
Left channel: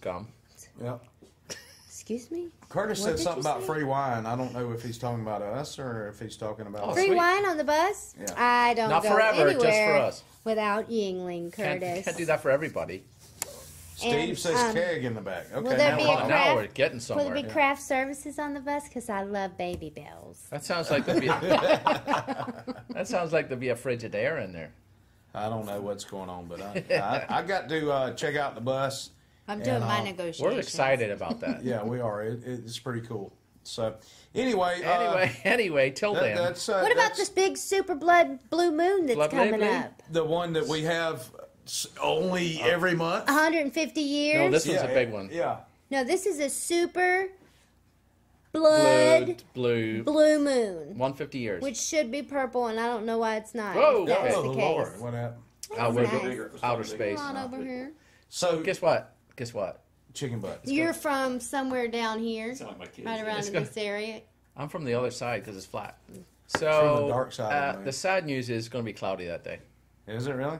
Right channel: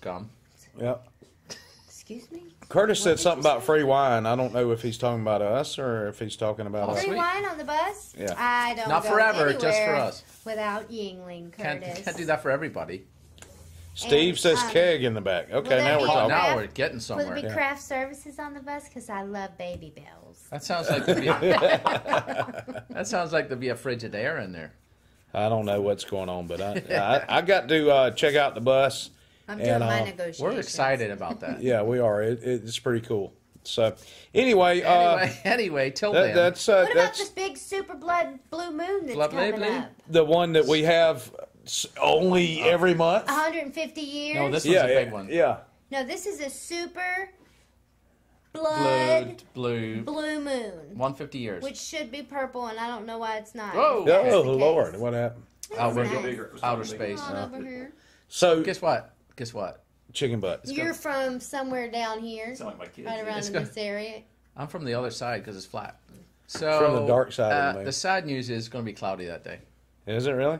gum. Yeah. Excuse me? Curtis What said did something you about say? free wine. I don't know if he's talking about us or if he's talking about Oh, us. Free sweet. wine on the bus? Yeah. I don't Not go forever, just for anywhere us. Without Yingling, Curtis. Can't do that for everybody. Steve And, says um, keg in the back. Okay, there now be we're a talking. craft- Now we're getting Will somewhere. there be Yeah. craft services on the bus? Because I love baby bells. That sounds like there'd be that sounds like there'd be a Frigidaire in there. I don't know what's going on, but I got to check out the bus. I'm And, doing my uh, negotiations. We're excited about that. Yeah, we are. It's pretty cool. So, anyway, Anyway, till that, then. that's What about that's this big super blood blue moon that's Blood coming blue? up? the one that we have only every month. 150 years? No, this one's a big one. Yeah. No, this is a super blood Blue. blue moon, 150 years. which should be purple, and I don't know why it's not. Whoa. That was Oh, the case. Lord. What happened? Out That's with nice. outer space. Come on over here. So, Guess what? Guess what? chicken butt. You're from somewhere down here, Sound like my kids. right around It's in gonna- this area. I'm from the other side because it's flat. So From the dark side of the moon. the sad news is it's going to be cloudy that day. Is it really?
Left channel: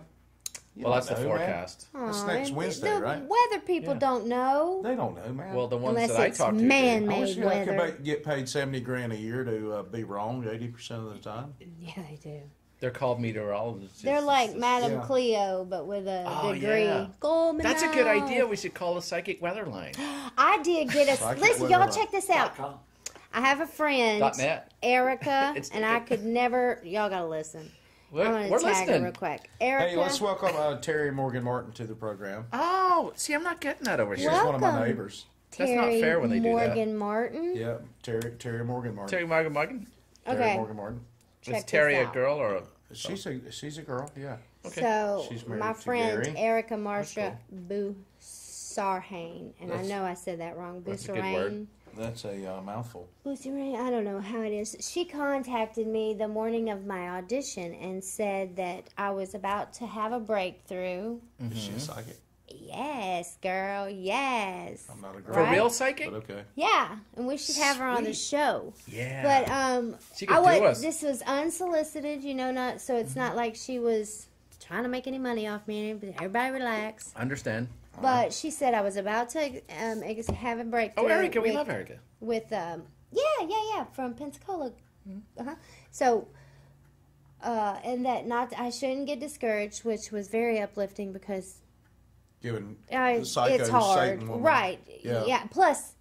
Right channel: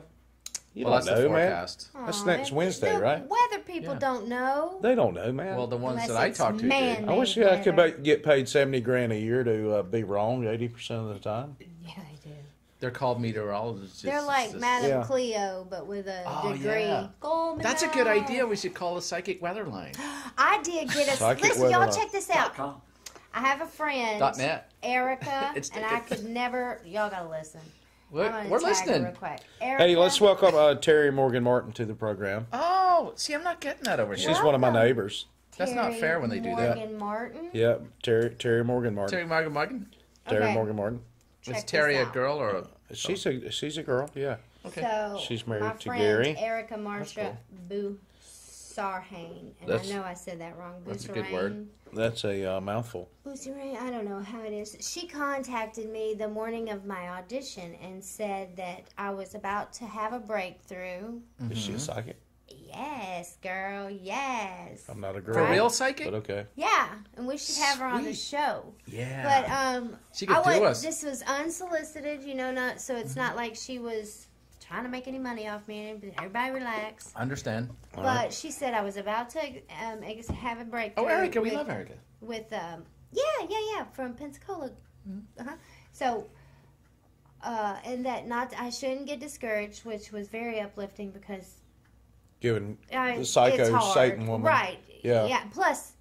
You Well, don't that's the know, man. forecast. That's Aw, next and Wednesday, the right? Weather people Yeah. don't know. They don't know, man. Well, the ones Unless that I it's talk to do. man- I wish made I could weather. get paid $70,000 a year to be wrong 80% of the time. Yeah, they do. They're called meteorologists. They're like It's just- Madame Yeah. Cleo, but with a Oh, degree. yeah. Go, That's a good Mel. idea. We should call a psychic weather line. I did get a. Psychic Listen, weather y'all line. check this out. I have a friend, .net. Erica, It's and I could never. Y'all gotta listen. We're, I'm gonna we're tag her listening. real quick. Erica, Hey, let's welcome Terry Morgan Martin to the program. Oh, see, I'm not getting that over She's here. one of my Welcome. neighbors. That's not Terry fair when they do that. Morgan Martin. Yeah, Terry Morgan Martin. Terry Morgan. Terry Okay. Morgan Martin. Check Is this Terry a out. girl or a? She's a girl. Yeah. Okay. So She's married my to friend Gary. Erica Marsha Busarhain, and That's- I know I said that wrong. That's a good Busarhain. word. That's a mouthful. Busarhain, I don't know how it is. She contacted me the morning of my audition and said that I was about to have a breakthrough. Is she psychic? Yes, girl, yes. I'm not a girl. For Right. real psychic? But okay. Yeah, and we should have her on the Sweet. show. Yeah. But She could do us. This was unsolicited, you know, not so it's not like she was trying to make any money off me. Everybody relax. Understand. But she said I was about to have a breakthrough. Oh, Erica, we with- love Erica. With yeah, from Pensacola. Uh-huh. So, and that I shouldn't get discouraged, which was very uplifting because Given I, the psycho it's hard, Satan woman. right? Yeah. Plus,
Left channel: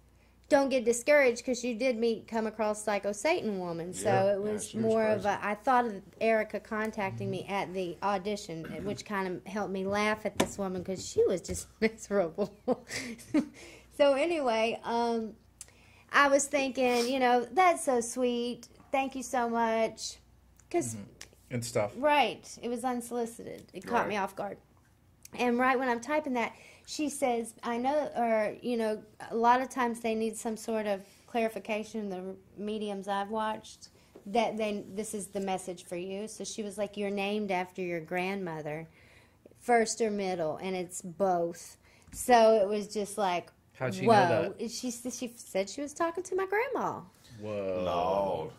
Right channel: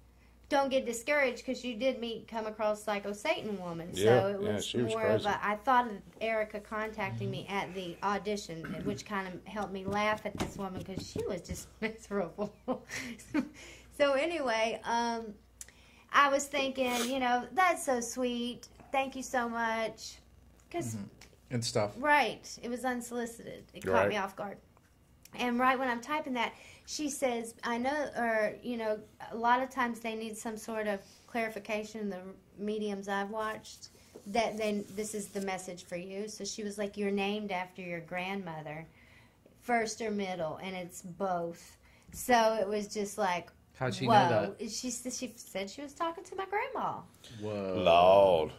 don't get discouraged because you did come across Psycho Satan Woman, so Yeah, it yeah, was she was more of crazy. a. I thought of Erica contacting me at the audition, which kind of helped me laugh at this woman because she was just miserable. So anyway, I was thinking, you know, that's so sweet. Thank you so much, because And stuff. right, it was unsolicited. It caught Right. me off guard. And right when I'm typing that, she says, I know, or, you know, a lot of times they need some sort of clarification, the mediums I've watched, that this is the message for you. So she was like, you're named after your grandmother, first or middle, and it's both. So it was just like, How'd she whoa. know that? She said she was talking to my grandma. Whoa.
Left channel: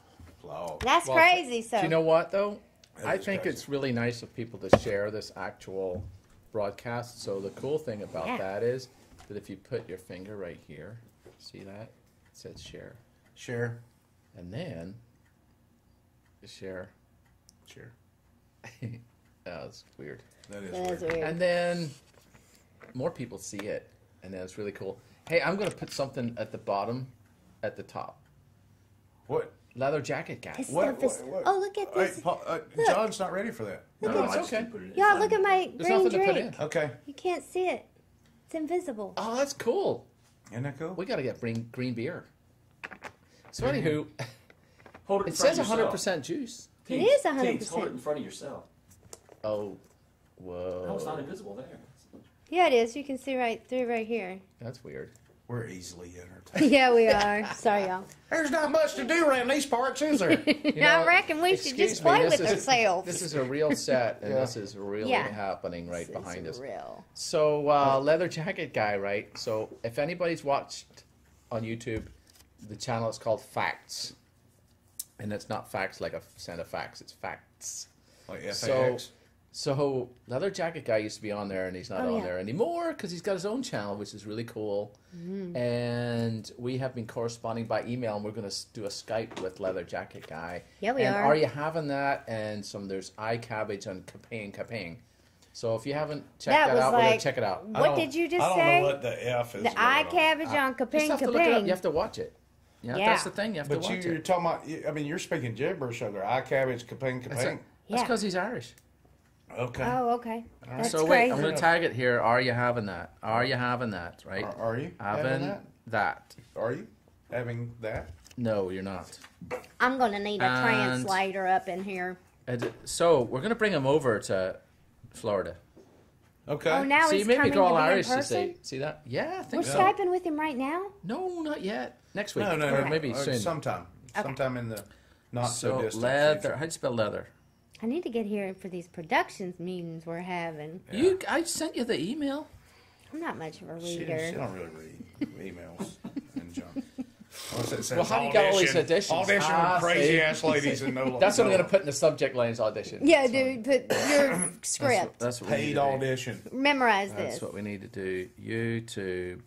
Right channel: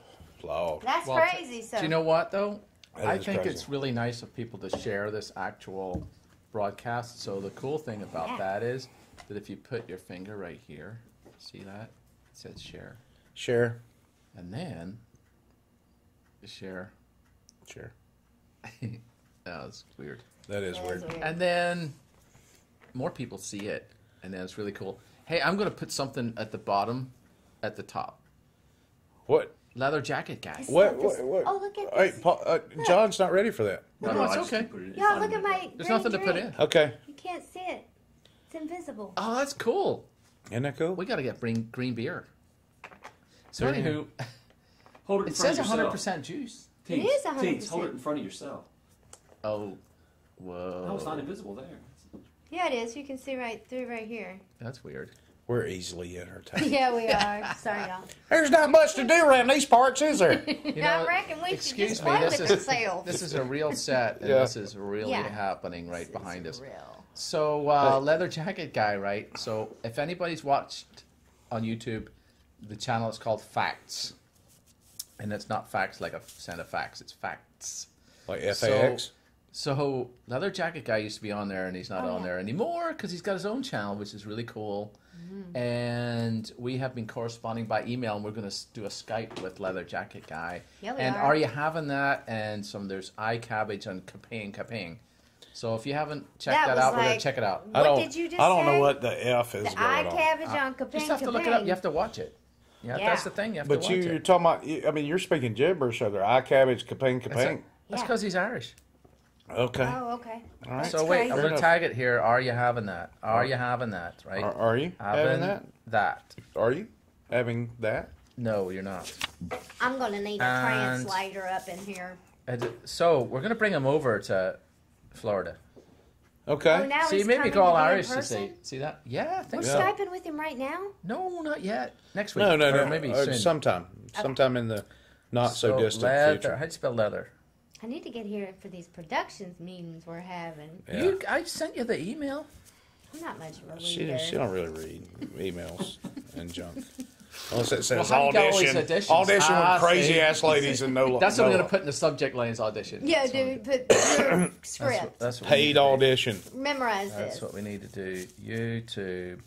Lord. That's Well, crazy. So Do you know what, though? That I is think crazy. it's really nice of people to share this actual broadcast. So the cool thing about Yeah. that is that if you put your finger right here, see that? It says share. Share. And then share. Share. That was weird. That is That was weird. weird. And then more people see it. And then it's really cool. Hey, I'm going to put something at the bottom, at the top. What? leather jacket guy. What? Oh, look at Hey, this. John's not ready for that. No, it's I just okay. put it in. Yeah, look at my There's green nothing to put drink. in. Okay. You can't see it. It's invisible. Oh, that's cool. Isn't that cool? We got to get green beer. So anywho, Hold it in it front says of yourself. 100% juice. Teens, is Teens, 100%. hold it in front of yourself. Oh, whoa. No, it's not invisible there. Yeah, it is. You can see right through right here. That's weird. We're easily entertained. Yeah, we are. Sorry, y'all. There's not much to do around these parts, is there? I reckon we should excuse just me, play this with is ourselves. this is a real set, and Yeah. this is really Yeah. happening right behind us. Real. So, leather jacket guy, right? So, if anybody's watched on YouTube, the channel is called Facts, and it's not facts like a set of facts; it's facts. Like FAX. So, leather jacket guy used to be on there, and he's not on there anymore because he's got his own channel, which is really cool. And we have been corresponding by email, and we're going to do a Skype with leather jacket guy. Yeah, we and are. you having that? And there's iCabbage and Caping. So if you haven't checked That that out, was we're going like- to check it out. What did you just I don't say? know what the F is. The eye going on. cabbage on Kaping Just have to look it up. You have to watch it. Yeah, Yeah. that's the thing. You have to But watch you're it. talking about, I mean, you're speaking gibberish, so they're eye cabbage, kaping. That's Yeah. because he's Irish. Okay. Oh, okay. That's So wait, crazy. I'm going to tag it here. Are you having that? Are you having that? Right? Are you having that? that? Are you having that? No, you're not. I'm going to need a And- translator up in here. So we're going to bring him over to Florida. Okay. Oh, now See, he's maybe coming go all to be in Irish to person? see that. Yeah, I think We're so. Skyping with him right now? No, not yet. Next week. No, Or maybe soon. Sometime. Sometime in the not so, distant leather. future. How'd you spell leather? I need to get here for these productions meetings we're having. Yeah. I sent you the email. I'm not much of a She reader. don't really read emails and junk. Unless it says Well, how do you got all these auditions? audition Ah, with crazy see. ass ladies and no. That's what I'm no going to put in the subject lines audition. Yeah, That's dude, what- put your script. That's what we need paid to do. audition. Memorize That's this. what we need to do. YouTube.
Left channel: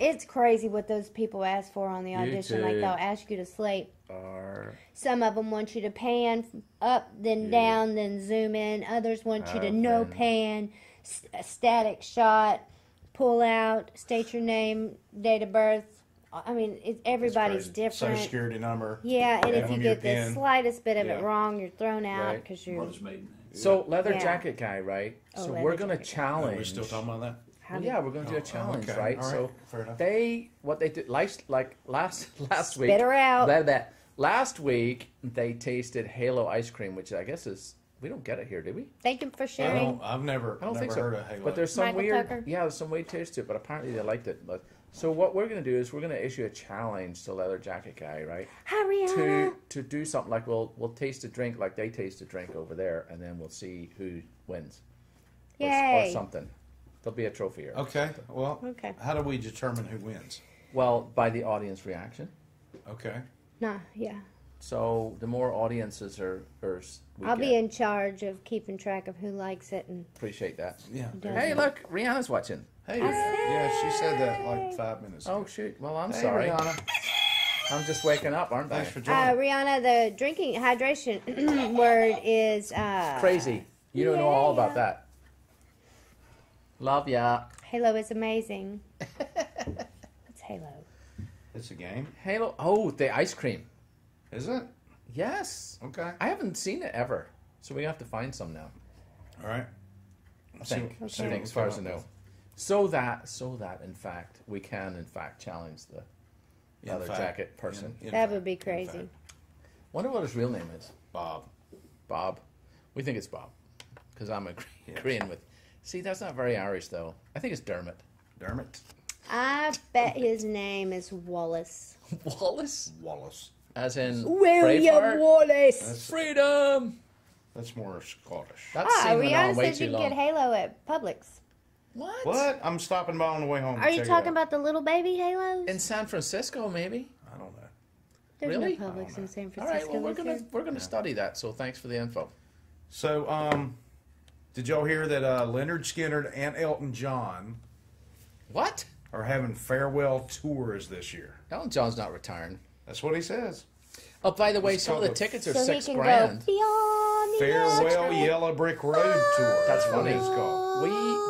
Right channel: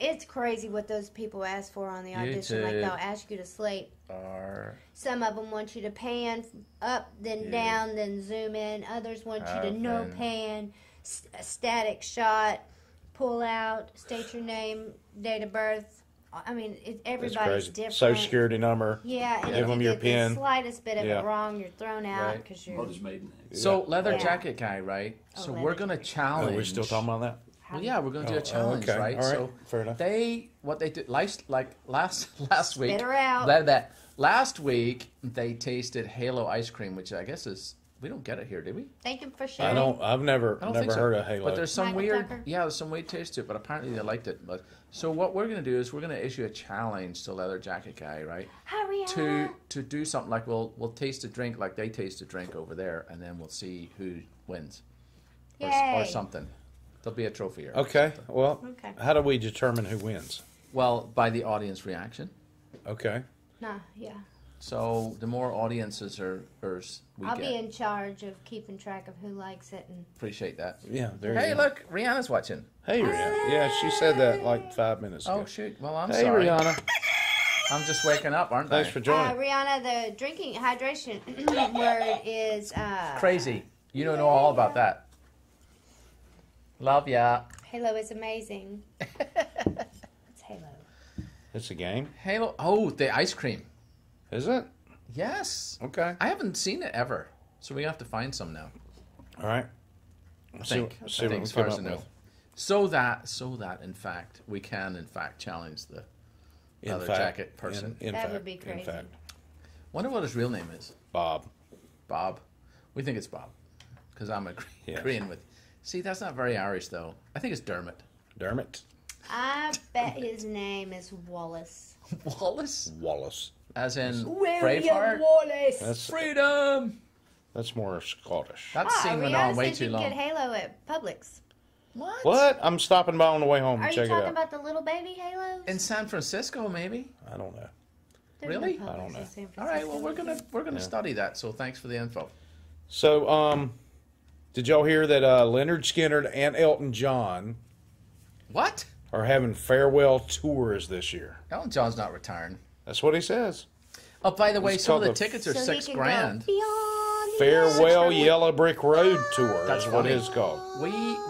It's crazy what those people ask for on the audition. Like YouTube. they'll ask you to slate. R. Some of them want you to pan up, then down, then zoom in. Others want you to no Open. pan, a static shot, pull out, state your name, date of birth. I mean, everybody's Crazy. different. Social security number. Yeah, and Give if you them your get the pin. slightest bit of Yeah. it wrong, you're thrown out Right. because you're. Mother's maiden name. So leather Yeah. jacket guy, right? Oh, So leather we're going to jacket. challenge. Are we still talking about that? Well, yeah, we're going to do a challenge, okay. right? All right. So Fair enough. what they did last week. Spit her out. Last week they tasted Halo ice cream, which I guess is we don't get it here, do we? Thank you for I sharing. don't. I've never I don't think so. heard of Halo. But there's some Michael weird, Tucker? there's some weird taste to it. But apparently they liked it. But so what we're going to do is we're going to issue a challenge to leather jacket guy, right? Hi, Rihanna. To do something like we'll taste a drink like they taste a drink over there, and then we'll see who wins or Yay. something. There'll be a trophy here. Okay. Well, Okay. how do we determine who wins? Well, by the audience reaction. Okay. Nah, yeah. So the more audiences we I'll get. be in charge of keeping track of who likes it and. Appreciate that. Yeah. There Hey, you go. look, Rihanna's watching. Hey. Yeah, she said that like 5 minutes ago. Oh shoot! Well, I'm Hey, sorry. Rihanna. I'm just waking up, aren't Thanks I? for joining. Rihanna, the drinking hydration word is Crazy. You don't know all about that. Love ya. Halo is amazing. What's Halo? It's a game, Halo. Oh, the ice cream. is it? Yes. Okay. I haven't seen it ever, so we have to find some now. All right. I think, as far as I know. So that in fact we can in fact challenge the leather jacket person. That would be crazy. Wonder what his real name is. Bob. Bob. We think it's Bob because I'm Yes. agreeing with. See, that's not very Irish though. I think it's Dermot. Dermot. I bet his name is Wallace. Wallace, Wallace. as in William Braveheart. Wallace. That's Freedom. that's more Scottish. That's seeming Rihanna on way said too you long. can get Halo at Publix. What? I'm stopping by on the way home. Are you Check it talking out. about the little baby Halos? In San Francisco, maybe. I don't know. There's really? No Publix in San All right. Well, Francisco. we're gonna study that. So thanks for the info. So, did y'all hear that Leonard Skinner and Elton John What? are having farewell tours this year? Elton John's not retiring. That's what he says. Oh, by the way, It's some of the called the- tickets are So he $6 can grand. Go beyond the Farewell ocean. Yellow Brick Road tour. That's what funny. it's called.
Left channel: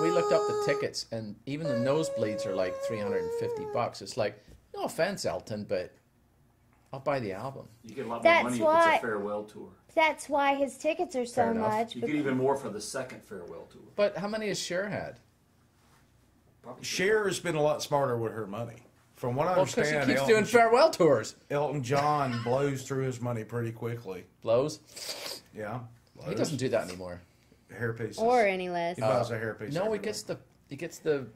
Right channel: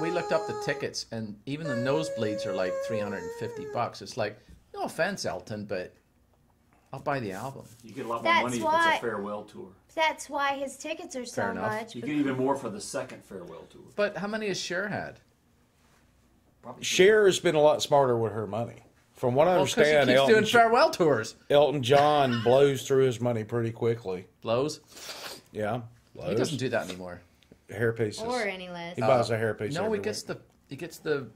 We looked up the tickets, and even the nosebleeds are like $350. It's like, no offense, Elton, but I'll buy the album. You get a lot more That's money if why- it's a farewell tour. That's why his tickets are so Fair enough. much. You get even more for the second farewell tour. But how many has Cher had? Probably Cher has been a lot smarter with her money. From what I Well, because he understand, keeps doing farewell tours. Elton John blows through his money pretty quickly. Blows. Yeah. He doesn't do that anymore. Hair pieces. Or any less. He buys a hair piece. No, every he gets the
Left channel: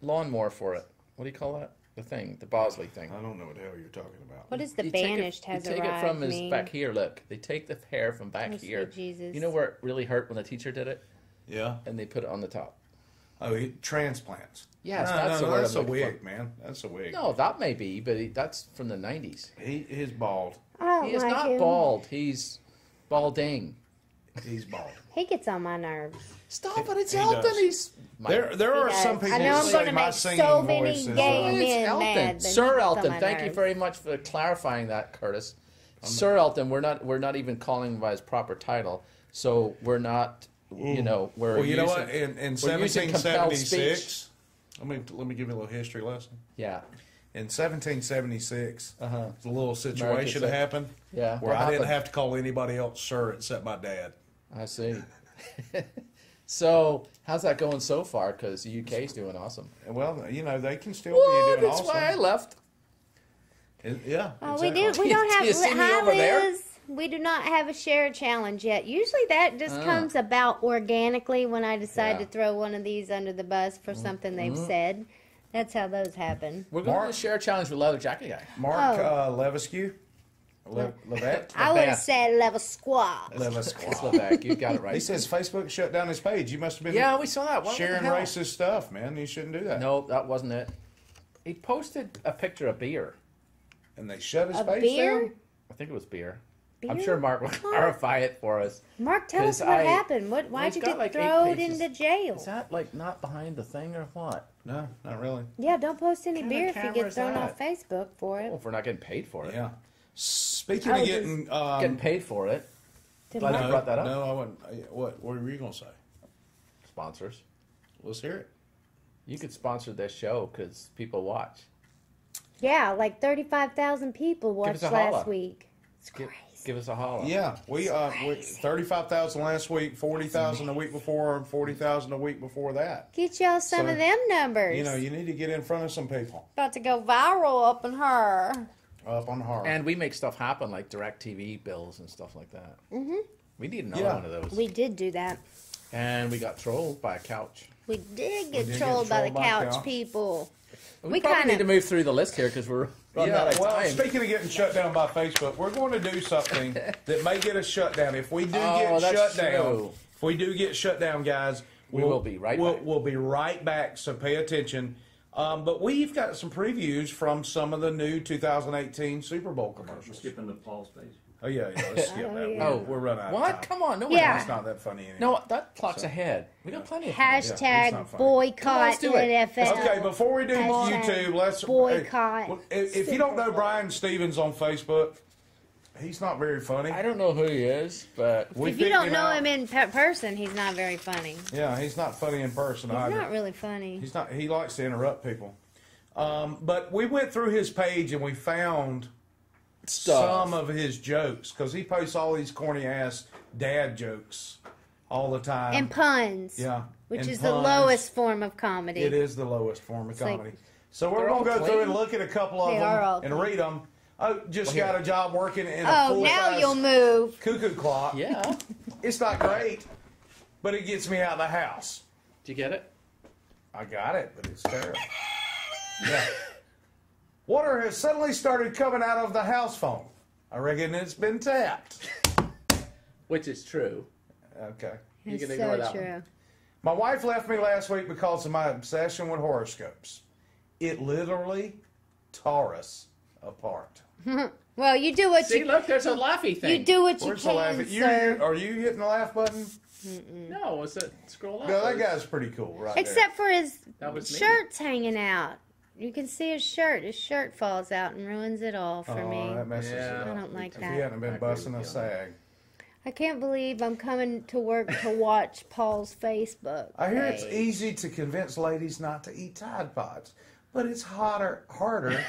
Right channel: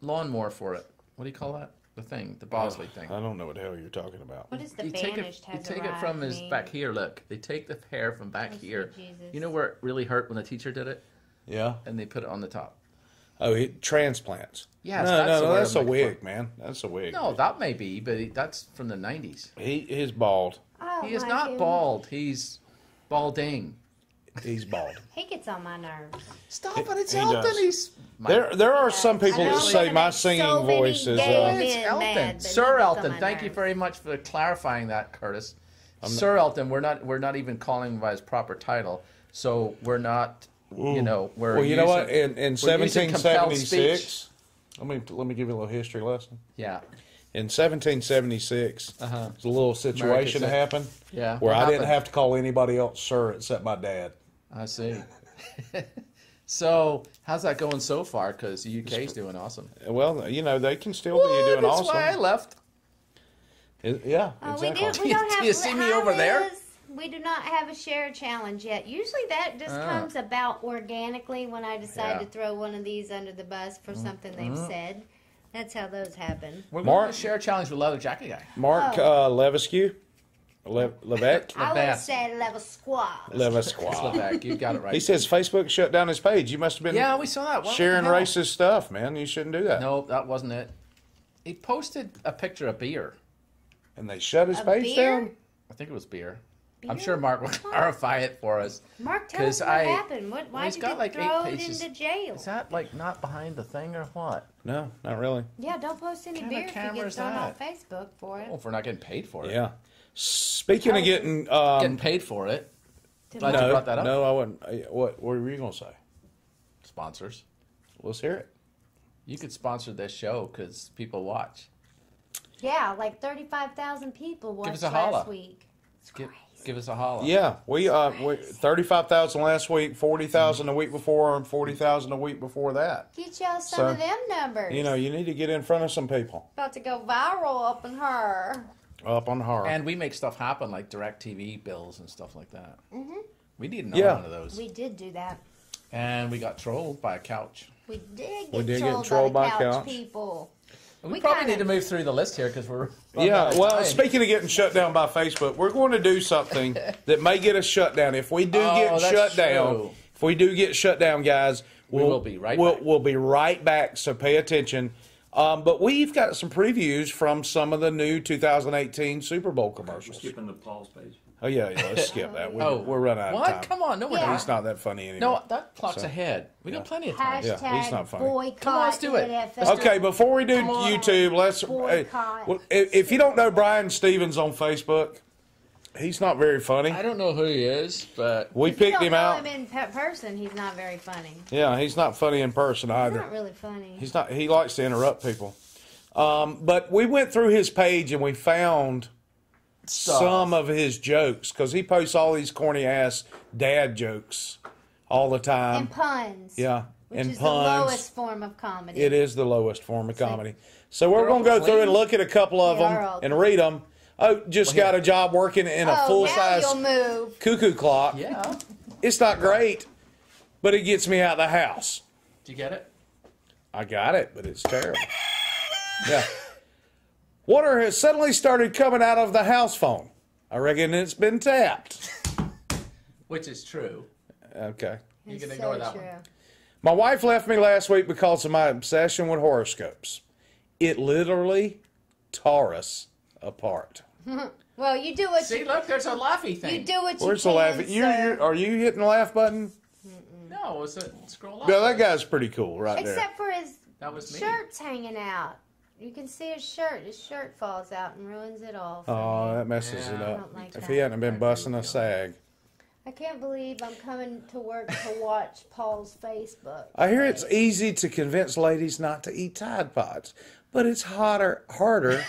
lawnmower for it. What do you call that? The thing, the Bosley thing. I don't know what the hell you're talking about. What is the You take banished it, you has take it arrived from his mean? back here. Look, they take the hair from back Oh, sweet here. Jesus. You know where it really hurt when the teacher did it, Yeah. and they put it on the top. Oh, transplants. Yes, no, that's the word that's I'm a looking wig, man. That's a wig. No, that may be, but that's from the '90s. He's bald. I don't He is like not him. bald. He's balding. He's bald. He gets on my nerves. Stop it! It's He Elton. does. He's There are some people I know that I'm say gonna my make singing so many voice is. gay It's men Elton, mad, but Sir he gets Elton. on my Thank you nerves. very much for clarifying that, Curtis. Sir Elton. We're not even calling him by his proper title, so we're not. You know, we're Well, you using, know what? In we're using compelled speech. 1776, let me give you a little history lesson. Yeah, In 1776, there's a little situation that said- happened yeah. where What I didn't happened? have to call anybody else sir except my dad. I see. So, how's that going so far? Because the UK's doing awesome. Well, you know, they can still Well, be doing that's awesome. why I left. Yeah, Oh, exactly. we don't have. Do you see me Hi, over there? Liz. We do not have a share challenge yet. Usually that just comes about organically when I decide Yeah. to throw one of these under the bus for something they've said. That's how those happen. We're going Mark- to share a challenge with Leather Jacket Guy. Mark Oh. Levesque? Levesque? I would have said level squad. Levesque. Levac, you got it right. He says Facebook shut down his page. You must have been Yeah, we saw that. What the sharing hell? racist stuff, man. You shouldn't do that. No, that wasn't it. He posted a picture of beer. And they shut his A page beer? down? I think it was beer. I'm Beer? sure Mark will clarify it for us. Mark, tell us 'Cause what happened. Why well, did he's you got get like 8 thrown pages. into jail? Is that like not behind the thing or what? No, not really. Yeah, don't post any What kind of beer if you camera get is thrown that? on Facebook for it. Oh, if we're not getting paid for it. Yeah. Speaking Oh, of getting... Getting paid for it. Glad you brought that up. No, I wouldn't. What were you going to say? Sponsors. Let's hear it. You could sponsor this show because people watch. Yeah, like 35,000 people Give watched us a holla. last week. It's Give, crazy. give us a holla. Yeah, we 35,000 last week, 40,000 the week before, and 40,000 the week before that. Get y'all some So, of them numbers. You know, you need to get in front of some people. About to go viral up in her. Up on her. And we make stuff happen like DirecTV bills and stuff like that. Mm-hmm. We need another Yeah. one of those. We did do that. And we got trolled by a couch. We did We get did get trolled trolled by the by couch, couch. people. We We probably kinda- need to move through the list here because we're running out Yeah, of well, time. speaking of getting shut down by Facebook, we're going to do something that may get us shut down. If we do get that's shut down, true. if we do get shut down, guys, We will be right we'll, back. We'll be right back, so pay attention. But we've got some previews from some of the new 2018 Super Bowl We're commercials. skipping the Paul's page. Oh, yeah, let's skip that. Oh, We're running out what? of time. Come on, no, we're Yeah. not. It's not that funny anymore. No, that clock's ahead. We got plenty of time. Yeah, it's Hashtag not funny. boycott Come on, let's do it. NFL. Okay, before we do on. YouTube, let's. Boycott. If you don't know Brian Stevens on Facebook, he's not very funny. I don't know who he is, but We If you picked don't him know out. him in person, he's not very funny. Yeah, he's not funny in person He's either. not really funny. He's not. He likes to interrupt people. But we went through his page and we found some of his jokes because he posts all these corny ass dad jokes all the time. And puns. Yeah, Which and is puns. the lowest form of comedy. It is the lowest form of like- comedy. So we're They're going to all go through clean? and look at a couple of They are all them and clean. read them. Oh, just Well, got here. a job working in a Oh, full now size you'll move. cuckoo clock. yeah. It's not great, but it gets me out of the house. Did you get it? I got it, but it's terrible. Yeah. Water has suddenly started coming out of the house phone. I reckon it's been tapped. Which is true. Okay. You It's can so ignore that true. one. My wife left me last week because of my obsession with horoscopes. It literally tore us apart. Well, you do what See, you look, there's a laughy thing. you do what Where's you the can. laugh? sir. Are you hitting the laugh button? No, it's a scroll up. No, that guy's pretty cool right Except for his That was me. shirt's hanging out. You can see his shirt. His shirt falls out and ruins it all for there. Oh, me. that messes Yeah. it I up. don't like If that. he hadn't been busting a sag. I can't believe I'm coming to work to watch Paul's Facebook. I hear it's page. easy to convince ladies not to eat Tide Pods, but it's harder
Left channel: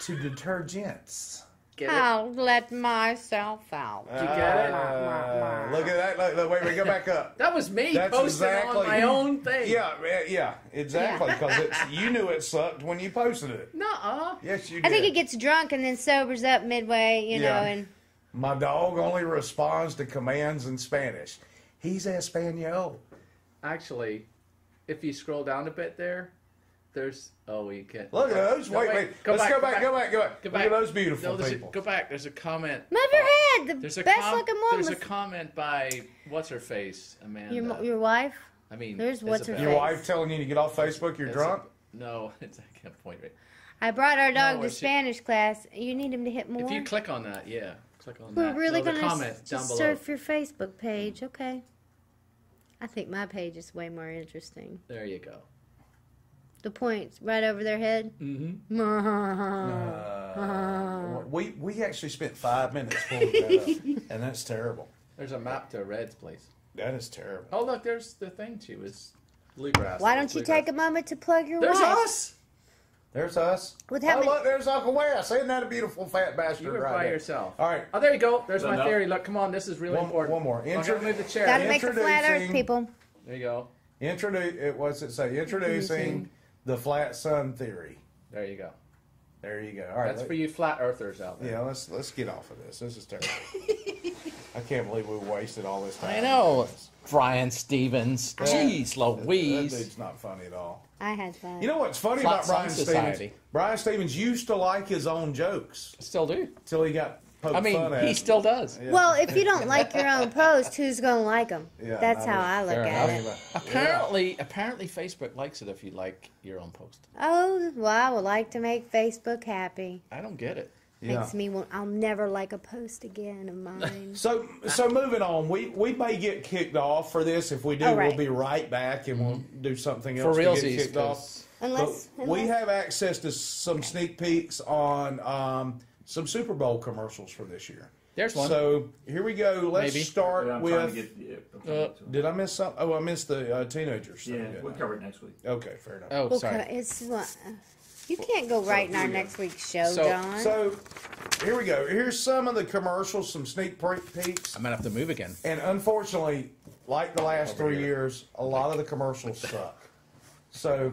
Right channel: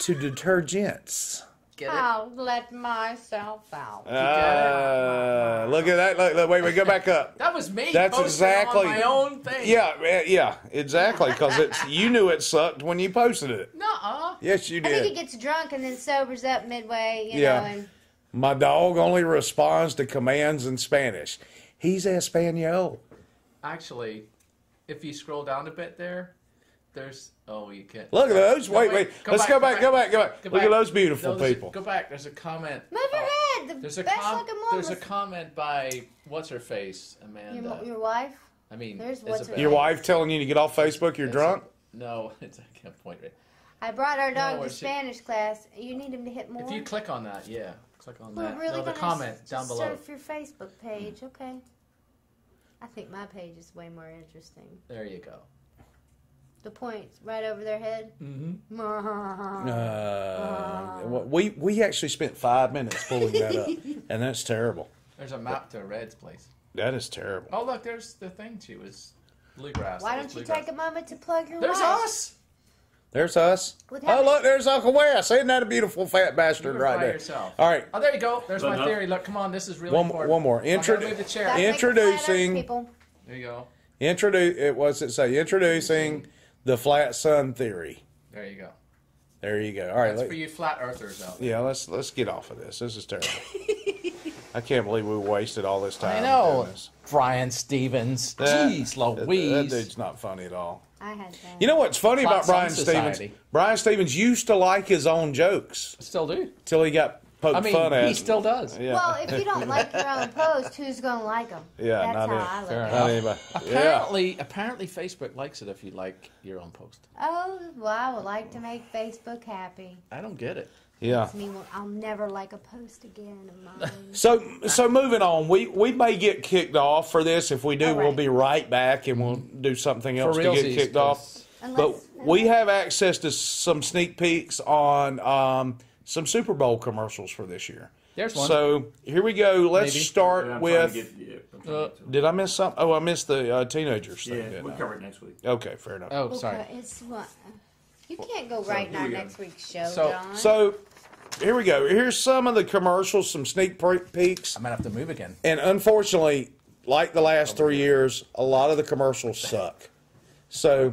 to deter gents. Get it? I'll let myself out. Look at that. Look, wait, go back up. That was me. That's posting exactly on my own thing. Yeah, exactly. Because you knew it sucked when you posted it. Nuh-uh. Yes, you I did. think it gets drunk and then sobers up midway, you know. And My dog only responds to commands in Spanish. He's Espanol. Actually, if you scroll down a bit there's you can't. Look at those. No, Wait. Let's go back. Go back. Look at those beautiful people. Go back. There's a comment. move your head. There's The a best looking one There's was a comment by what's her face, Amanda. your wife. I mean, There's what's her Isabel. Your wife telling you to get off Facebook? You're drunk? No, I can't point right. I brought our dog where to she- Spanish class. You need him to hit more. If you click on that, click on We're that. really No, the gonna comment down just below. surf your Facebook page, okay? I think my page is way more interesting. There you go. The points right over their head. Mm-hmm. We actually spent 5 minutes pulling that up, and that's terrible. There's a map to Red's place. That is terrible. Oh, look, there's the thing too. Is bluegrass. Why don't you take a moment to plug your There's wife? us. There's us. With Oh, how many- look, there's Uncle Wes. Isn't that a beautiful fat bastard You right by there? yourself. All right, Oh, there you go. There's my Enough. theory. Look, come on. This is really one important. more. I'm gonna move the chair. Gotta make the flat earth, Introducing- people. There you go. What's it say? Introducing the flat sun theory. There you go. There you go. All right, That's for you flat earthers out there. yeah. Let's get off of this. This is terrible. I can't believe we wasted all this time. I know. doing this. Brian Stevens. Jeez That Louise. dude's not funny at all. I had that. You know what's funny Flat about Brian Sun Stevens? Society. Brian Stevens used to like his own jokes Still do. till he got poked I mean, fun at. he still does. Yeah. Well, if you don't like your own post, who's gonna like them? Yeah, That's not how it. I look Fair at enough. it. Anyway, Apparently Facebook likes it if you like your own post. Oh, well, I would like to make Facebook happy. I don't get it. yeah. Makes me want, I'll never like a post again of mine. So moving on, we may get kicked off for this. If we do, All right. we'll be right back and we'll do something For else to realsies, get kicked off. 'cause Unless, But we have access to some sneak peeks on some Super Bowl commercials for this year. There's one. So here we go. Let's Maybe. start I'm trying to with. get- Did I miss something? Oh, I missed the teenagers thing. yeah, didn't we'll I? cover it next week. Okay, fair enough. Oh, sorry. It's what you can't go right in our next week's show, So- Don. So here we go. Here's some of the commercials, some sneak peeks. I might have to move again. And unfortunately, like the last 3 years, a lot of the commercials suck. So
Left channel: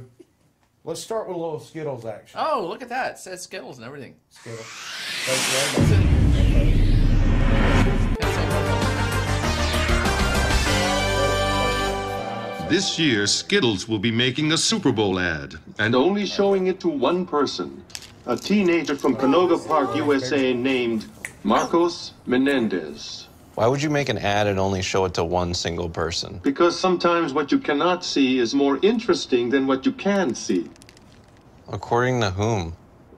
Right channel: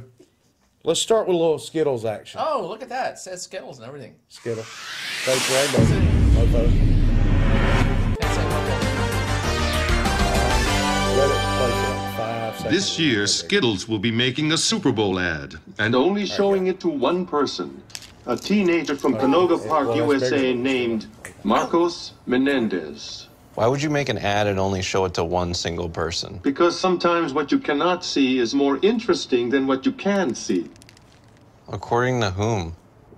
let's start with a little Skittles action. Oh, look at that. It says Skittles and everything. Skittles. Thanks, Rainbow. Mofo. This year, Skittles will be making a Super Bowl ad and only showing it to one person, a teenager from Canoga Park, USA, named Marcos Menendez. Why would you make an ad and only show it to one single person? Because sometimes what you cannot see is more interesting than what you can see. According to whom?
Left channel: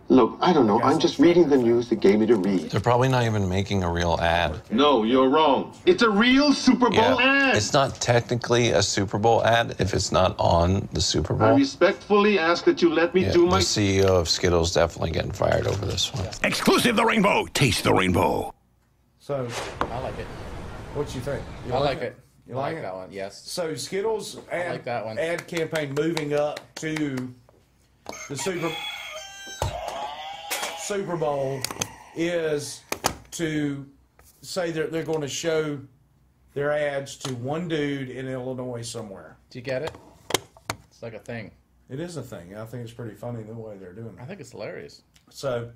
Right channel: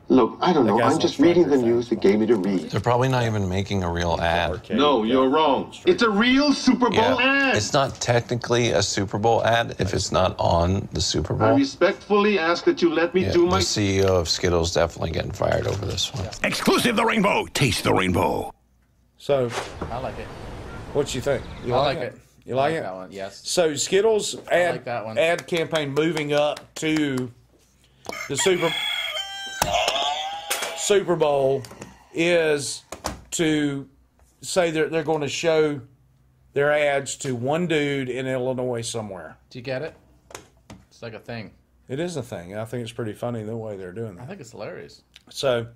Look, I don't know. I'm just reading the news that gave me to read. They're probably not even making a real ad. No, you're wrong. It's a real Super Bowl ad. It's not technically a Super Bowl ad if it's not on the Super I Bowl. respectfully ask that you let me Yeah, do the my... CEO of Skittles definitely getting fired over this one. Exclusive the rainbow. Taste the rainbow. So, I like it. what you think? You I like it. You like I it? that one, yes. So Skittles ad, like that one. ad campaign moving up to the Super Bowl is to say they're going to show their ads to one dude in Illinois somewhere. Do you get it? It's like a thing. It is a thing. I think it's pretty funny the way they're doing I that. think it's hilarious. So,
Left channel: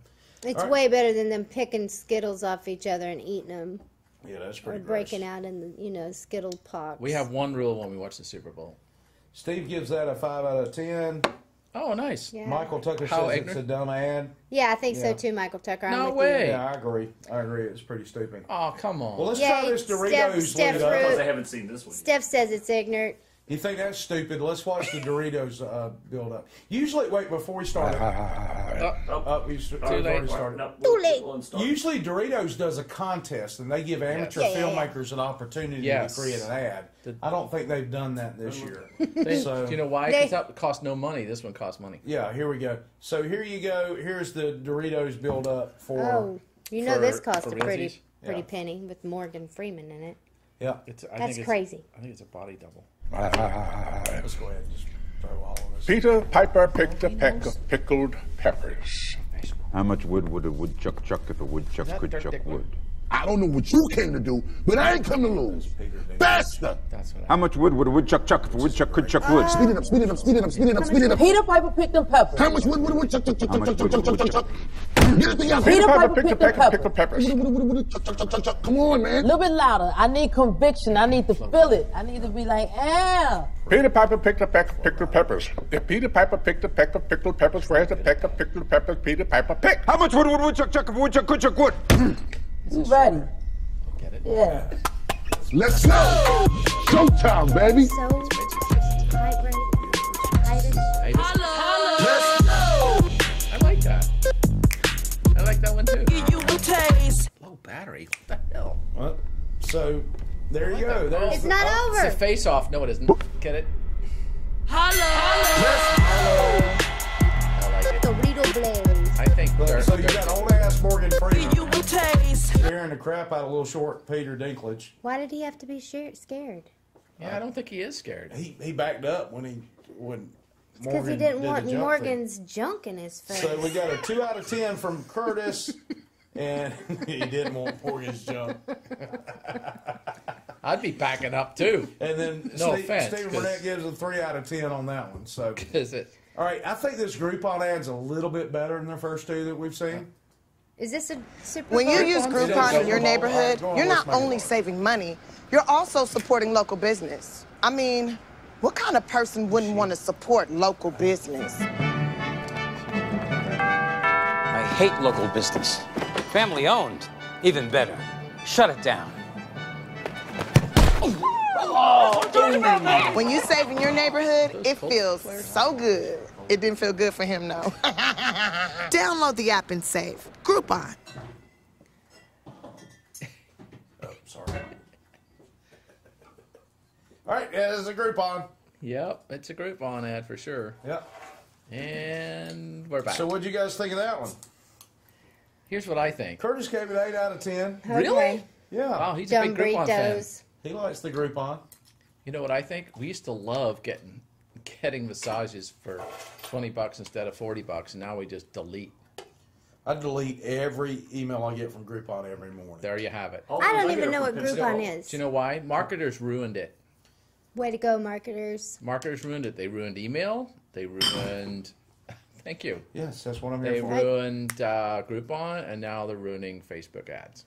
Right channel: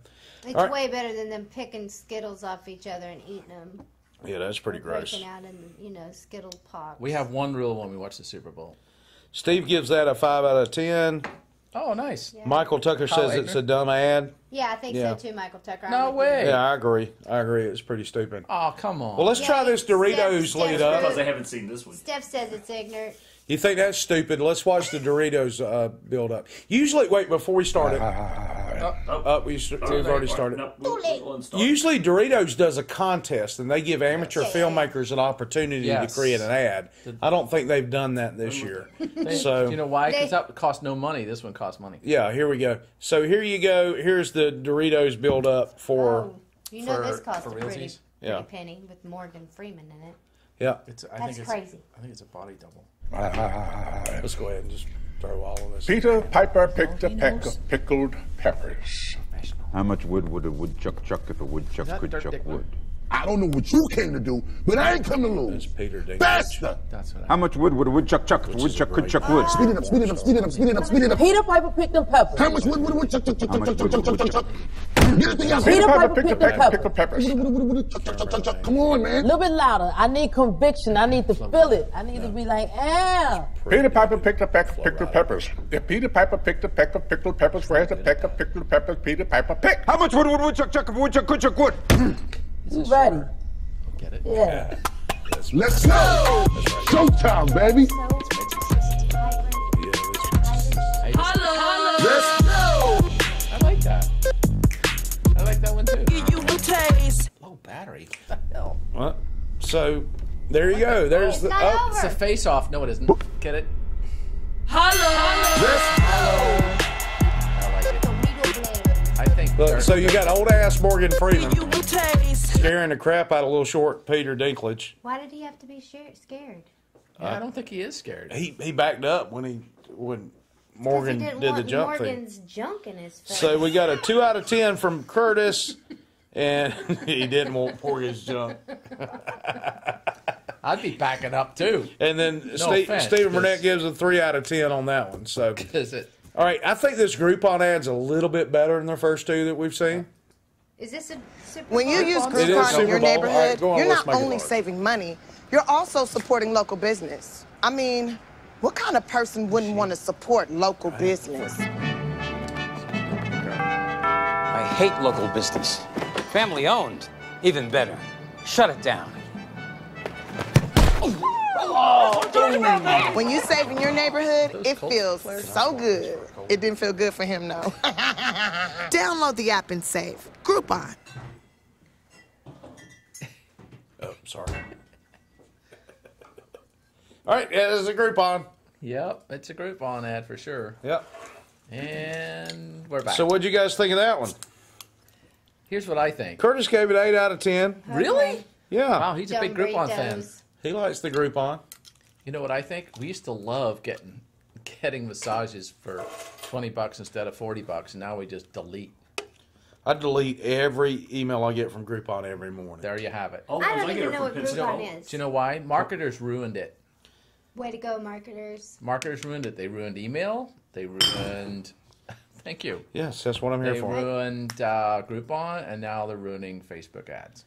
it's all right. way better than them picking Skittles off each other and eating them, yeah, that's pretty gross. breaking out in Skittle pops. We have one rule when we watch the Super Bowl. Steve gives that a 5 out of 10. Oh, nice. Yeah. Michael Tucker Kyle says it's Eigner? a dumb ad. Yeah, I think Yeah. so too, Michael Tucker. I'm No with you. way. Yeah, I agree. It's pretty stupid. Oh, come on. Well, let's Yeah, try this Doritos Steph lead up. Because I haven't seen this one. Steph says it's ignorant. You think that's stupid? Let's watch the Doritos build up. Usually, wait, before we start it. We've already started. No, Too late. we'll start. Usually, Doritos does a contest, and they give amateur Yes. filmmakers an opportunity Yes. to create an ad. I don't think they've done that this year. So, Do you know why? Because They- that cost no money. This one costs money. yeah, here we go. So here you go. Here's the Doritos build up for. Oh, you know this cost for a pretty realsies? Yeah. penny with Morgan Freeman in it. Yeah, That's crazy. I think it's a body double. let's go ahead and just throw all of this. Peter Piper picked a peck of pickled peppers. How much wood would a woodchuck chuck if a woodchuck could chuck wood? I don't know what you came to do, but I ain't come to lose. Faster! How much wood would a woodchuck chuck if a woodchuck could chuck wood? Speed it up, speed it up, speed it up, speed it up, speed it up. Peter Piper picked them peppers. How much wood would a woodchuck chuck, chuck, chuck, chuck, chuck, chuck, chuck, chuck? Get it together. Peter Piper picked them peppers. Chuck, chuck, chuck, chuck, chuck. Come on, man. A little bit louder. I need conviction. I need to feel it. I need to be like, ah. Peter Piper picked the pickled peppers. If Peter Piper picked the peck of pickled peppers, where's the peck of pickled peppers Peter Piper picked? How much wood would a woodchuck chuck if a woodchuck could chuck wood? You ready? Yeah. Let's go. Showtime, baby. I like that. I like that one too. You will taste. Low battery. What the hell? What? So, there you go. There's It's the. not Oh, over. It's a face off. No, it isn't. Get it? Hello. I like it. Dorito Blaze. I think. look, they're- so you got old ass Morgan Freeman You will taste. scaring the crap out of little short Peter Dinklage. Why did he have to be scared? Yeah, I don't think he is scared. He backed up when Because Morgan he didn't did the want jump thing. Morgan's junk in his face. So we got a 2 out of 10 from Curtis, and he didn't want Morgan's junk. I'd be backing up too. And then No offense, Stephen 'cause- Burnett gives a 3 out of 10 on that one. So, Is it? all right, I think this Groupon ad's a little bit better than the first 2 that we've seen. Is this a Super When you Bowl? use It is Groupon in your Super Bowl. neighborhood, All right, go on, you're let's not make it only work. saving money, you're also supporting local business. I mean, what kind of person wouldn't want to support local business? I hate local business. Family owned, even better. Shut it down. When you save in your neighborhood, it feels so good. It didn't feel good for him, though. Download the app and save. Groupon. Oh, sorry. All right, yeah, this is a Groupon. Yep, it's a Groupon ad for sure. Yep. And we're back. So what'd you guys think of that one? Here's what I think. Curtis gave it 8 out of 10. Really? Yeah. Wow, he's a big Groupon fan. He likes the Groupon. You know what I think? We used to love getting massages for $20 instead of $40, and now we just delete. I delete every email I get from Groupon every morning. There you have it. I don't even know what Groupon is. Do you know why? Marketers ruined it. Way to go, marketers. Marketers ruined it. They ruined email. They ruined... Thank you. Yes, that's what I'm here They for. ruined Groupon, and now they're ruining Facebook ads.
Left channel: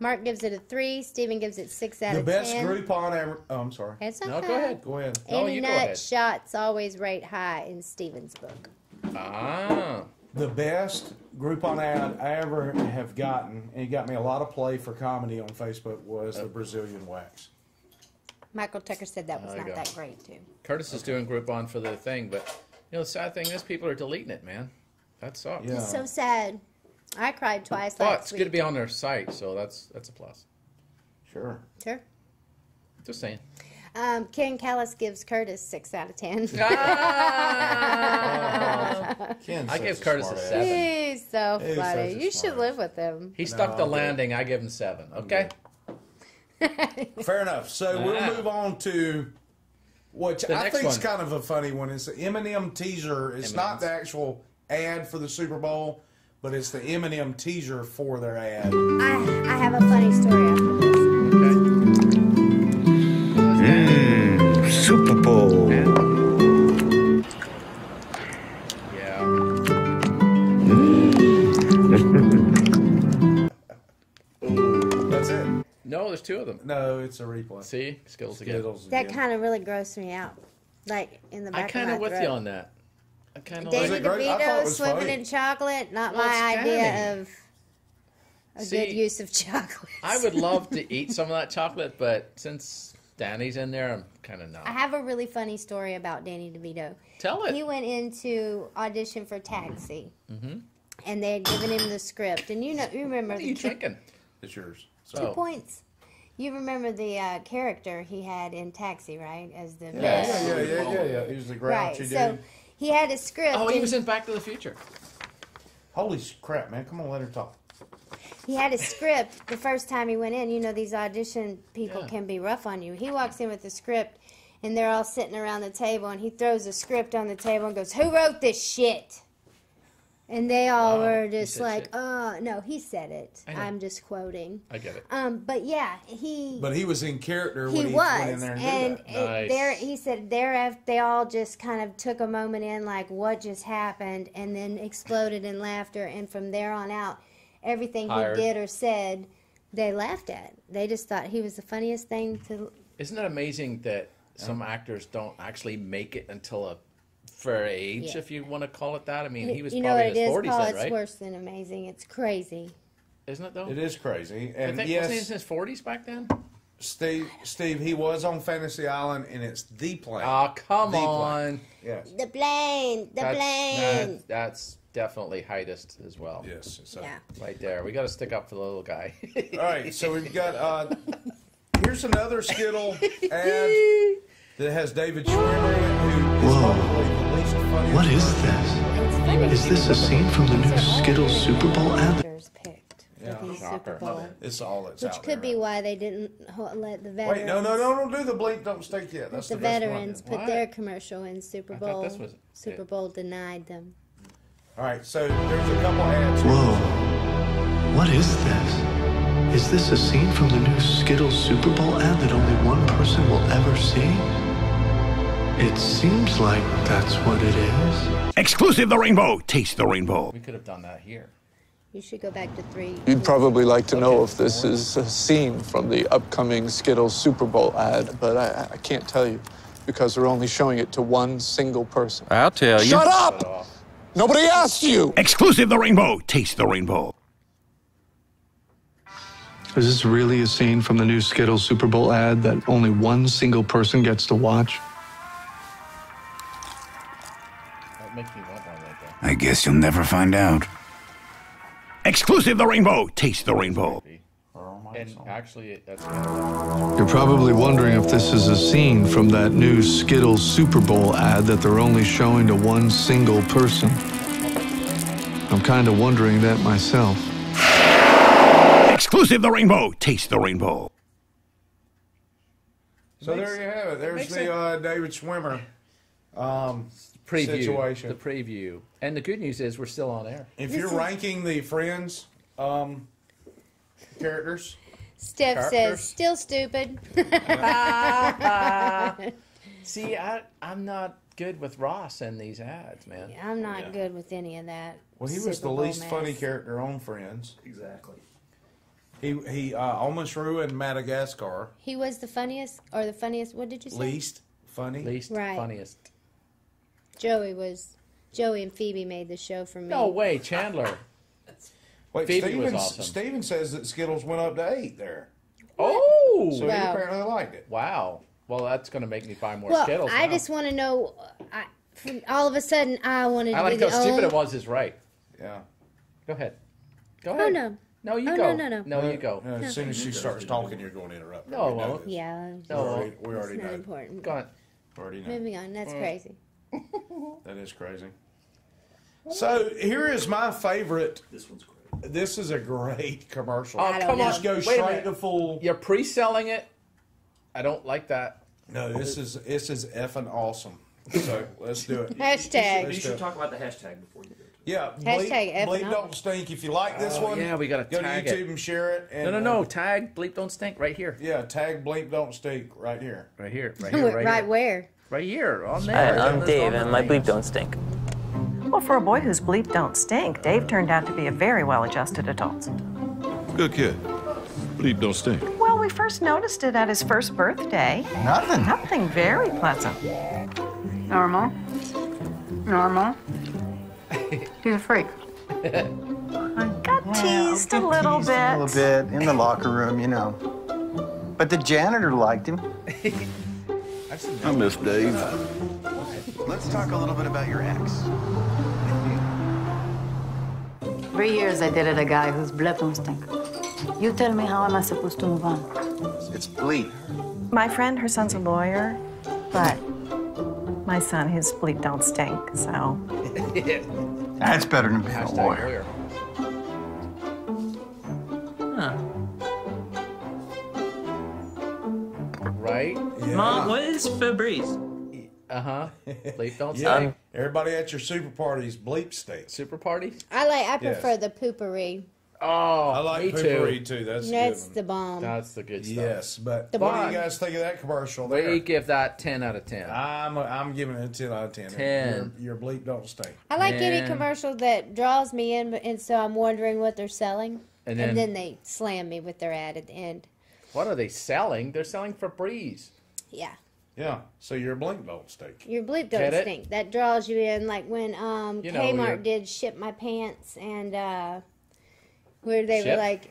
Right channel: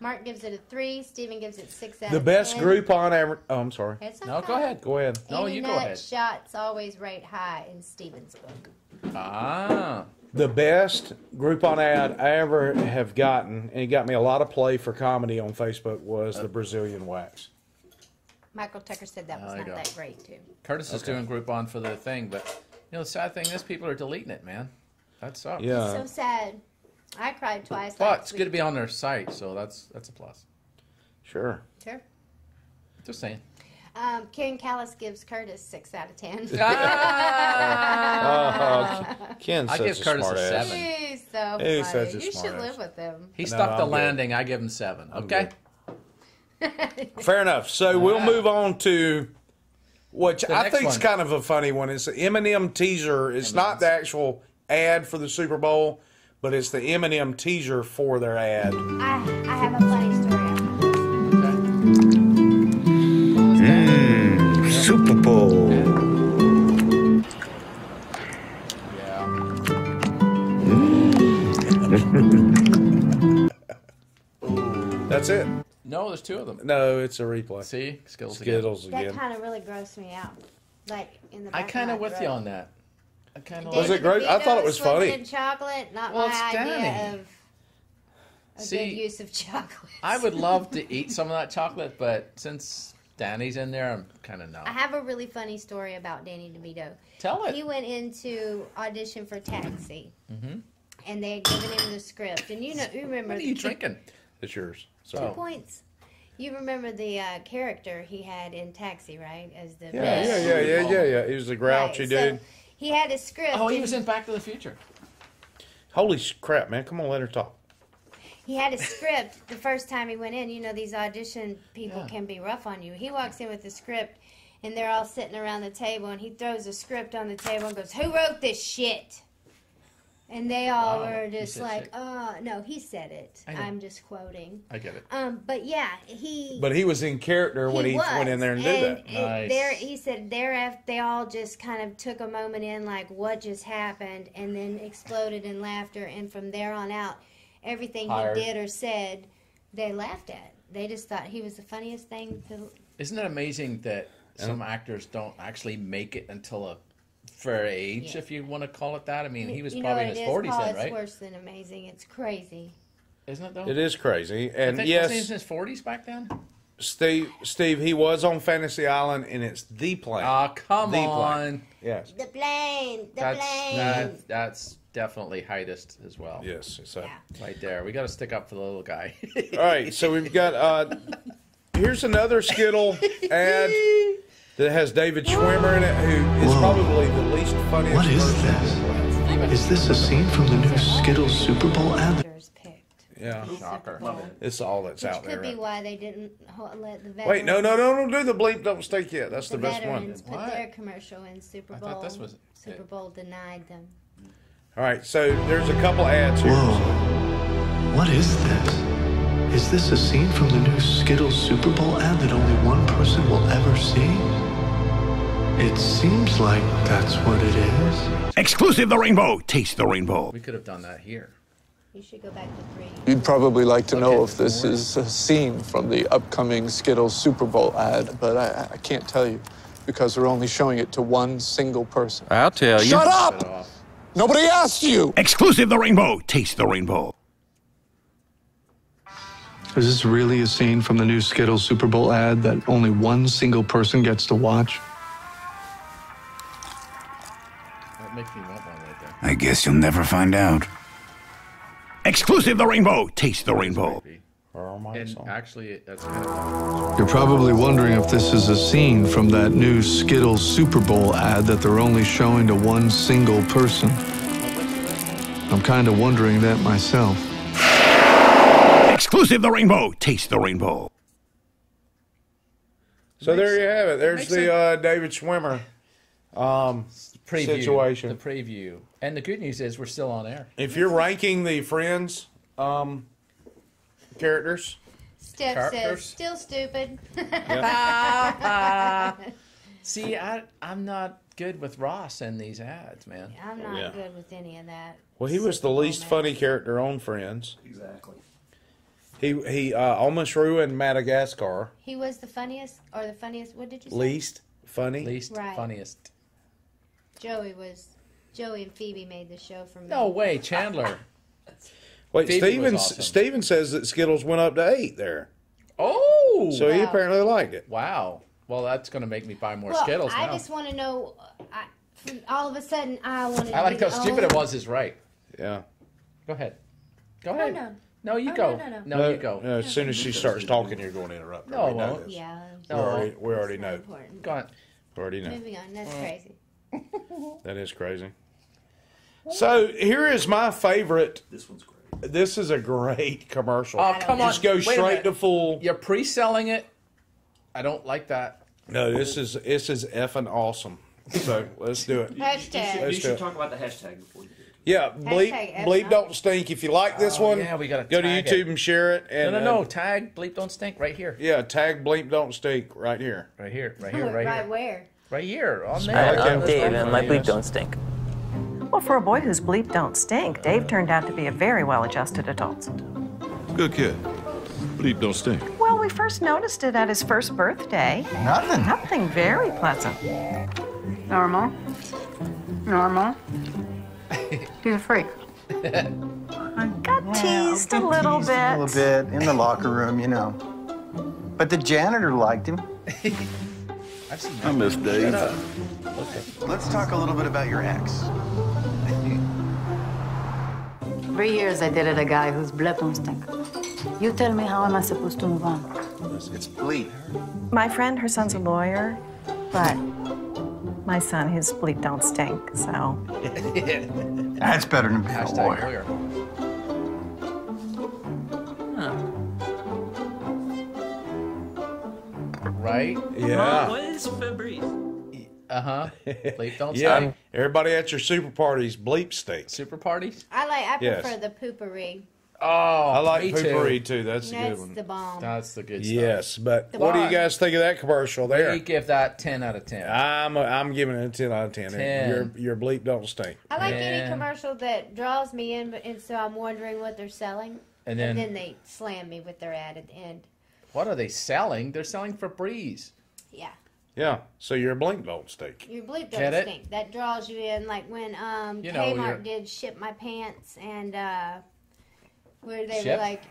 Mark gives it a 3. Steven gives it 6 out The of 10. best Groupon ever. Oh, I'm sorry. It's No, okay. go ahead. Go ahead. No, Any you go nut ahead. shots always rate high in Steven's book. Ah. The best Groupon ad I ever have gotten, and it got me a lot of play for comedy on Facebook, was the Brazilian wax. Michael Tucker said that was There you not go. that great, too. Curtis is doing Groupon for the thing, but the sad thing is people are deleting it, man. That sucks. Yeah. It's so sad. I cried twice But last it's week. good to be on their site, so that's a plus. Sure. Sure. Just saying. Ken Callis gives Curtis 6 out of 10. Ken's I such give a Curtis a smart ass. 7. He's so He's funny. such a You smart should ass. live with him. He No, stuck the I'm good. landing. I give him 7. Okay. Fair enough. So we'll Yeah. move on to which The I next think is one. kind of a funny one. It's the Eminem teaser. It's not the actual ad for the Super Bowl, but it's the Eminem teaser for their ad. I have a funny story after this. Super Bowl. Yeah. That's it. No, there's 2 of them. No, it's a replay. See? Skittles again. Skittles That again. kind of really grossed me out. Like, in the back I kind of of my with throat. you on that. I kind of Was like it great? I thought it was swimming funny. in chocolate, not Well, my it's idea Danny. of a See, good use of chocolate. I would love to eat some of that chocolate, but since Danny's in there, I'm kind of I not. have a really funny story about Danny DeVito. Tell it. He went into audition for Taxi, Mm-hmm. and they had given him the script. And you remember What are you drinking? It's yours. 2 Oh. points. You remember the character he had in Taxi, right? As the Yeah. He was the grouchy Right, dude. so he had a script. Oh, he and was in Back to the Future. Holy crap, man! Come on, let her talk. He had a script the first time he went in. You know, these audition people can be rough on you. He walks in with the script, and they're all sitting around the table, and he throws a script on the table and goes, "Who wrote this shit?" And they all were He just said like, shit. no, he said it. I know. I'm just quoting. I get it. But yeah, he. But he was in character when he went in there and did that. And he said thereafter they all just kind of took a moment in, like, what just happened, and then exploded in laughter. And from there on out, everything he did or said, they laughed at. They just thought he was the funniest thing to. Isn't it amazing that some actors don't actually make it until a fair age, if you want to call it that? I mean, he was probably in his 40s then, right? It's worse than amazing. It's crazy. Isn't it, though? It is crazy. And wasn't yes, he in his 40s back then? Steve, he was on Fantasy Island, and it's the plane. Oh, come The on. plane. Yes. The plane. The plane. That's definitely heightest as well. Yes. So. Right there. We got to stick up for the little guy. All right. So we've got, here's another Skittle ad that has David Schwimmer in it, who is probably the least funny. What is this? Is this a scene from the new Skittles Super Bowl ad? Yeah. Super Bowl. It's all that's Which out there. could be why they didn't let the veterans. Wait, no, don't do the bleep, don't stink yet. That's the best one. veterans put their commercial in Super Bowl. I thought this was Super Bowl denied them. All right, so there's a couple ads. Whoa. What is this? Is this a scene from the new Skittles Super Bowl ad that only one person will ever see? It seems like that's what it is. Exclusive the rainbow. Taste the rainbow. We could have done that here. You should go back to 3. You'd probably like to know if this is a scene from the upcoming Skittles Super Bowl ad, but I can't tell you because they're only showing it to one single person. I'll tell you. Shut up! Nobody asked you! Exclusive the rainbow. Taste the rainbow. Is this really a scene from the new Skittles Super Bowl ad that only one single person gets to watch? That makes me want one right there. I guess you'll never find out. Exclusive the rainbow. Taste the rainbow. And actually, that's You're probably wondering if this is a scene from that new Skittles Super Bowl ad that they're only showing to one single person. I'm kind of wondering that myself. Exclusive the rainbow. Taste the rainbow. So there you have it. There's the David Schwimmer preview, situation. the preview. And the good news is we're still on air. If you're ranking the Friends characters, Steph Characters? says, still stupid. See, I'm not good with Ross in these ads, man. I'm not good with any of that. well, he was Super the Bowl least mess. funny character on Friends. Exactly. He almost ruined Madagascar. He was the funniest, or the funniest, what did you say? Least funny. Least Right. funniest. Joey and Phoebe made the show for me. No way, Chandler. Wait, Phoebe was awesome. Steven says that Skittles went up to 8 there. Oh! So he apparently liked it. Wow. Well, that's going to make me buy more Well, Skittles I now. just want to know, all of a sudden, I wanted I to like be how the stupid only- it was is right. Yeah. Go ahead. Go Oh, ahead. no. No, you Oh, go. no. No, you go. As soon as she starts talking, you're going to interrupt her. No, I We know won't. this. Yeah. No, I won't. We already It's not know. important. Go on. We already know. Moving on. That's crazy. That is crazy. So here is my favorite. This one's great. This is a great commercial. Oh, come on. Just go Wait a straight minute. to full. You're pre-selling it. I don't like that. No, this is effing awesome. So let's do it. Hashtag. You Let's do should it. talk about the hashtag before you do it. Yeah, Hashtag effing bleep don't awesome. stink. If you like this one, yeah, we gotta go to tag YouTube it. and share it. And, No. Tag, bleep, don't stink. Right here. Yeah, tag bleep don't stink right here. Right here. Right here. Right Right here. where? Right here. On there. Hi, Right I'm there. Dave, and my bleep don't stink. Well, for a boy whose bleep don't stink, Dave turned out to be a very well-adjusted adult. Good kid. Bleep don't stink. Well, we first noticed it at his first birthday. Nothing very pleasant. Normal. He's a freak. Got teased a little bit. A little bit in the locker room, you know. But the janitor liked him. I miss Dave. Let's talk a little bit about your ex. 3 years I dated a guy whose blood don't stink. You tell me, how am I supposed to move on? It's bleep. My friend, her son's a lawyer, but my son, his bleep don't stink, so. That's better than being a lawyer. Right? Yeah. What is Febreze? Bleep don't Yeah, stink. everybody at your super parties, bleep steak. Super parties? I Yes. prefer the poopery. Oh, I like me poopery too. That's a good That's one. the bomb. That's the good stuff. Yes, but what do you guys think of that commercial there? We give that 10 out of 10. I'm giving it a 10 out of 10. 10. Your bleep don't stink. I like any commercial that draws me in, and so I'm wondering what they're selling. And And then- then they slam me with their ad at the end. What are they selling? They're selling Febreze. Yeah. Yeah, so your bleep don't stink. Your bleep Get don't it? stink. That draws you in, like when You know, you're- Kmart did Ship My Pants, and where they Ship? were like,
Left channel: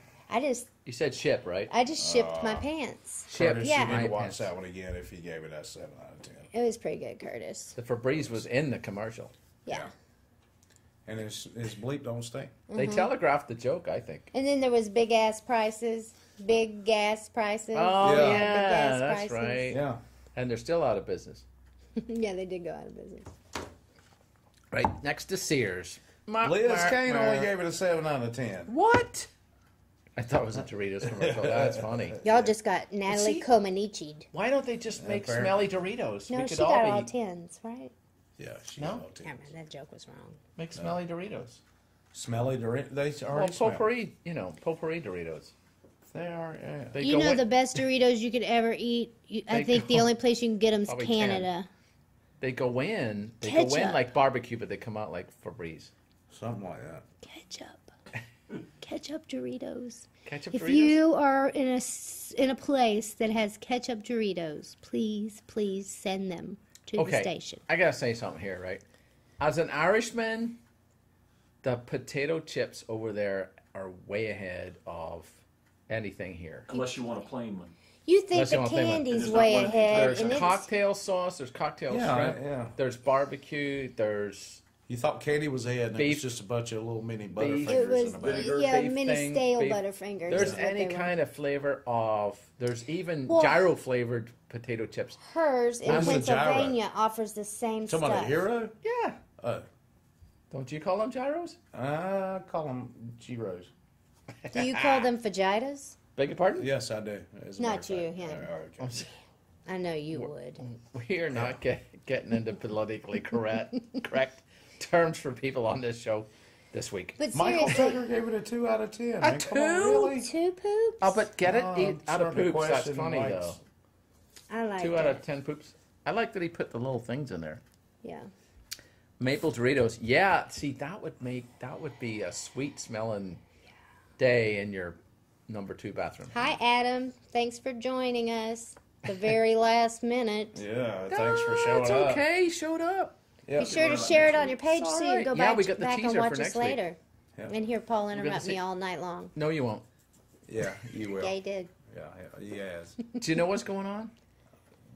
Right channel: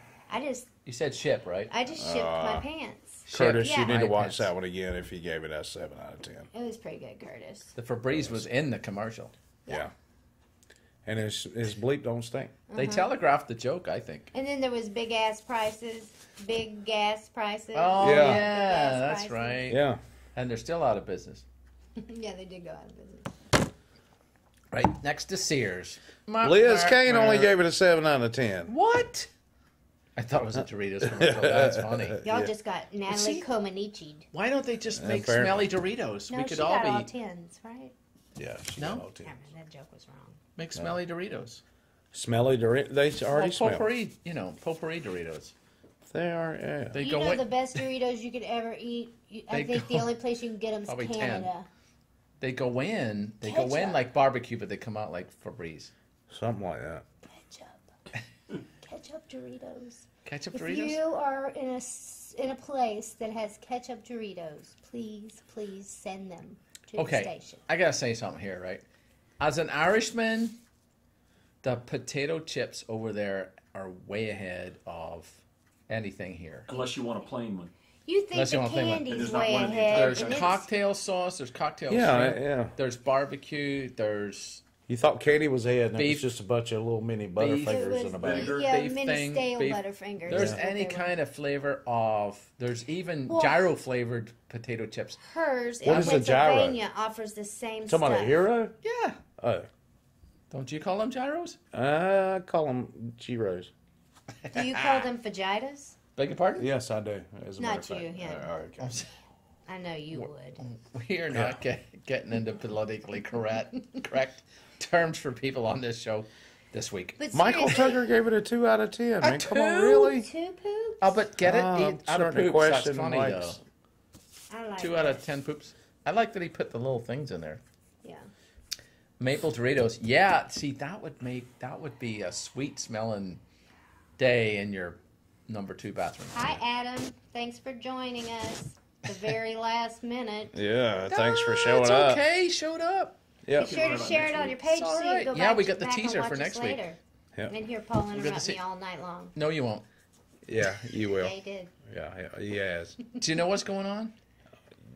You said ship, right? I just shipped my pants. Curtis, Yeah. you need to watch pants. that one again if you gave it a 7 out of 10. It was pretty good, Curtis. The Febreze was in the commercial. Yeah. And his bleep don't stink. They telegraphed the joke, I think. And then there was big ass prices, big gas prices. Oh, Yeah. yeah, Gas that's prices. right. Yeah. And they're still out of business. Yeah, they did go out of business. Right, next to Sears. Liz Kane only gave it a 7 out of 10. What? I thought it was a Doritos commercial. That's funny. Y'all just got Natalie see- Comaneci'd. Why don't they just make Apparently. smelly Doritos? No, We she could got all all be tens, right? Yeah, she No? got all 10. I mean, that joke was wrong. make smelly Doritos. Smelly Doritos. They already Well, smell. potpourri, potpourri Doritos. They are, yeah. They You go know in, the best Doritos you could ever eat? I They think go- the only place you can get them is probably 10. Canada. They go in Ketchup. like barbecue, but they come out like Febreze. Something like that. Ketchup Doritos. Ketchup If Doritos? you are in a place that has ketchup Doritos, please send them to the station. I gotta say something here, right? As an Irishman, the potato chips over there are way ahead of anything here. Unless you want a plain one. You think Unless you the want a plain one. candy's There's not way one of these. ahead? There's and it's- cocktail sauce, there's cocktail shrimp, there's barbecue, there's You thought candy was ahead, and it Beef- was just a bunch of little mini It Butterfingers was in a bag. mini stale beef. Butterfingers. There's is what any they were. kind of flavor of. There's even Well- gyro flavored potato chips. Hers What in is a gyro? Pennsylvania offers the same Talking stuff. about a hero? Yeah. Oh. Don't you call them gyros? I call them Giros. Do you call them fajitas? Beg your pardon? Yes, I do. As a matter Not of you, fact. yeah. Okay. I know you would. We are not getting into politically correct terms for people on this show this week. But Michael seriously, Tucker gave it a 2 out of 10. A man. Come on, 2? really? 2 poops? Oh, but get it Oh, eat out of starting to poops. That's question funny Mike's- though. I like 2 out of 10 poops. I like that he put the little things in there. Yeah. Maple Doritos. Yeah, see that would be a sweet smelling day in your number 2 bathroom. Hi, Adam. Thanks for joining us. The very last minute. Yeah, thanks for showing It's up. okay. He showed up. Yep. Be sure to share it on your page It's all so you right. can go Yeah, back, we got the back teaser and for watch next us week. later. Yep. And hear Paul got the interrupt se- me all night long. No, you won't. Yeah, you will. Yeah, he did. Yeah, he has. Do you know what's going on?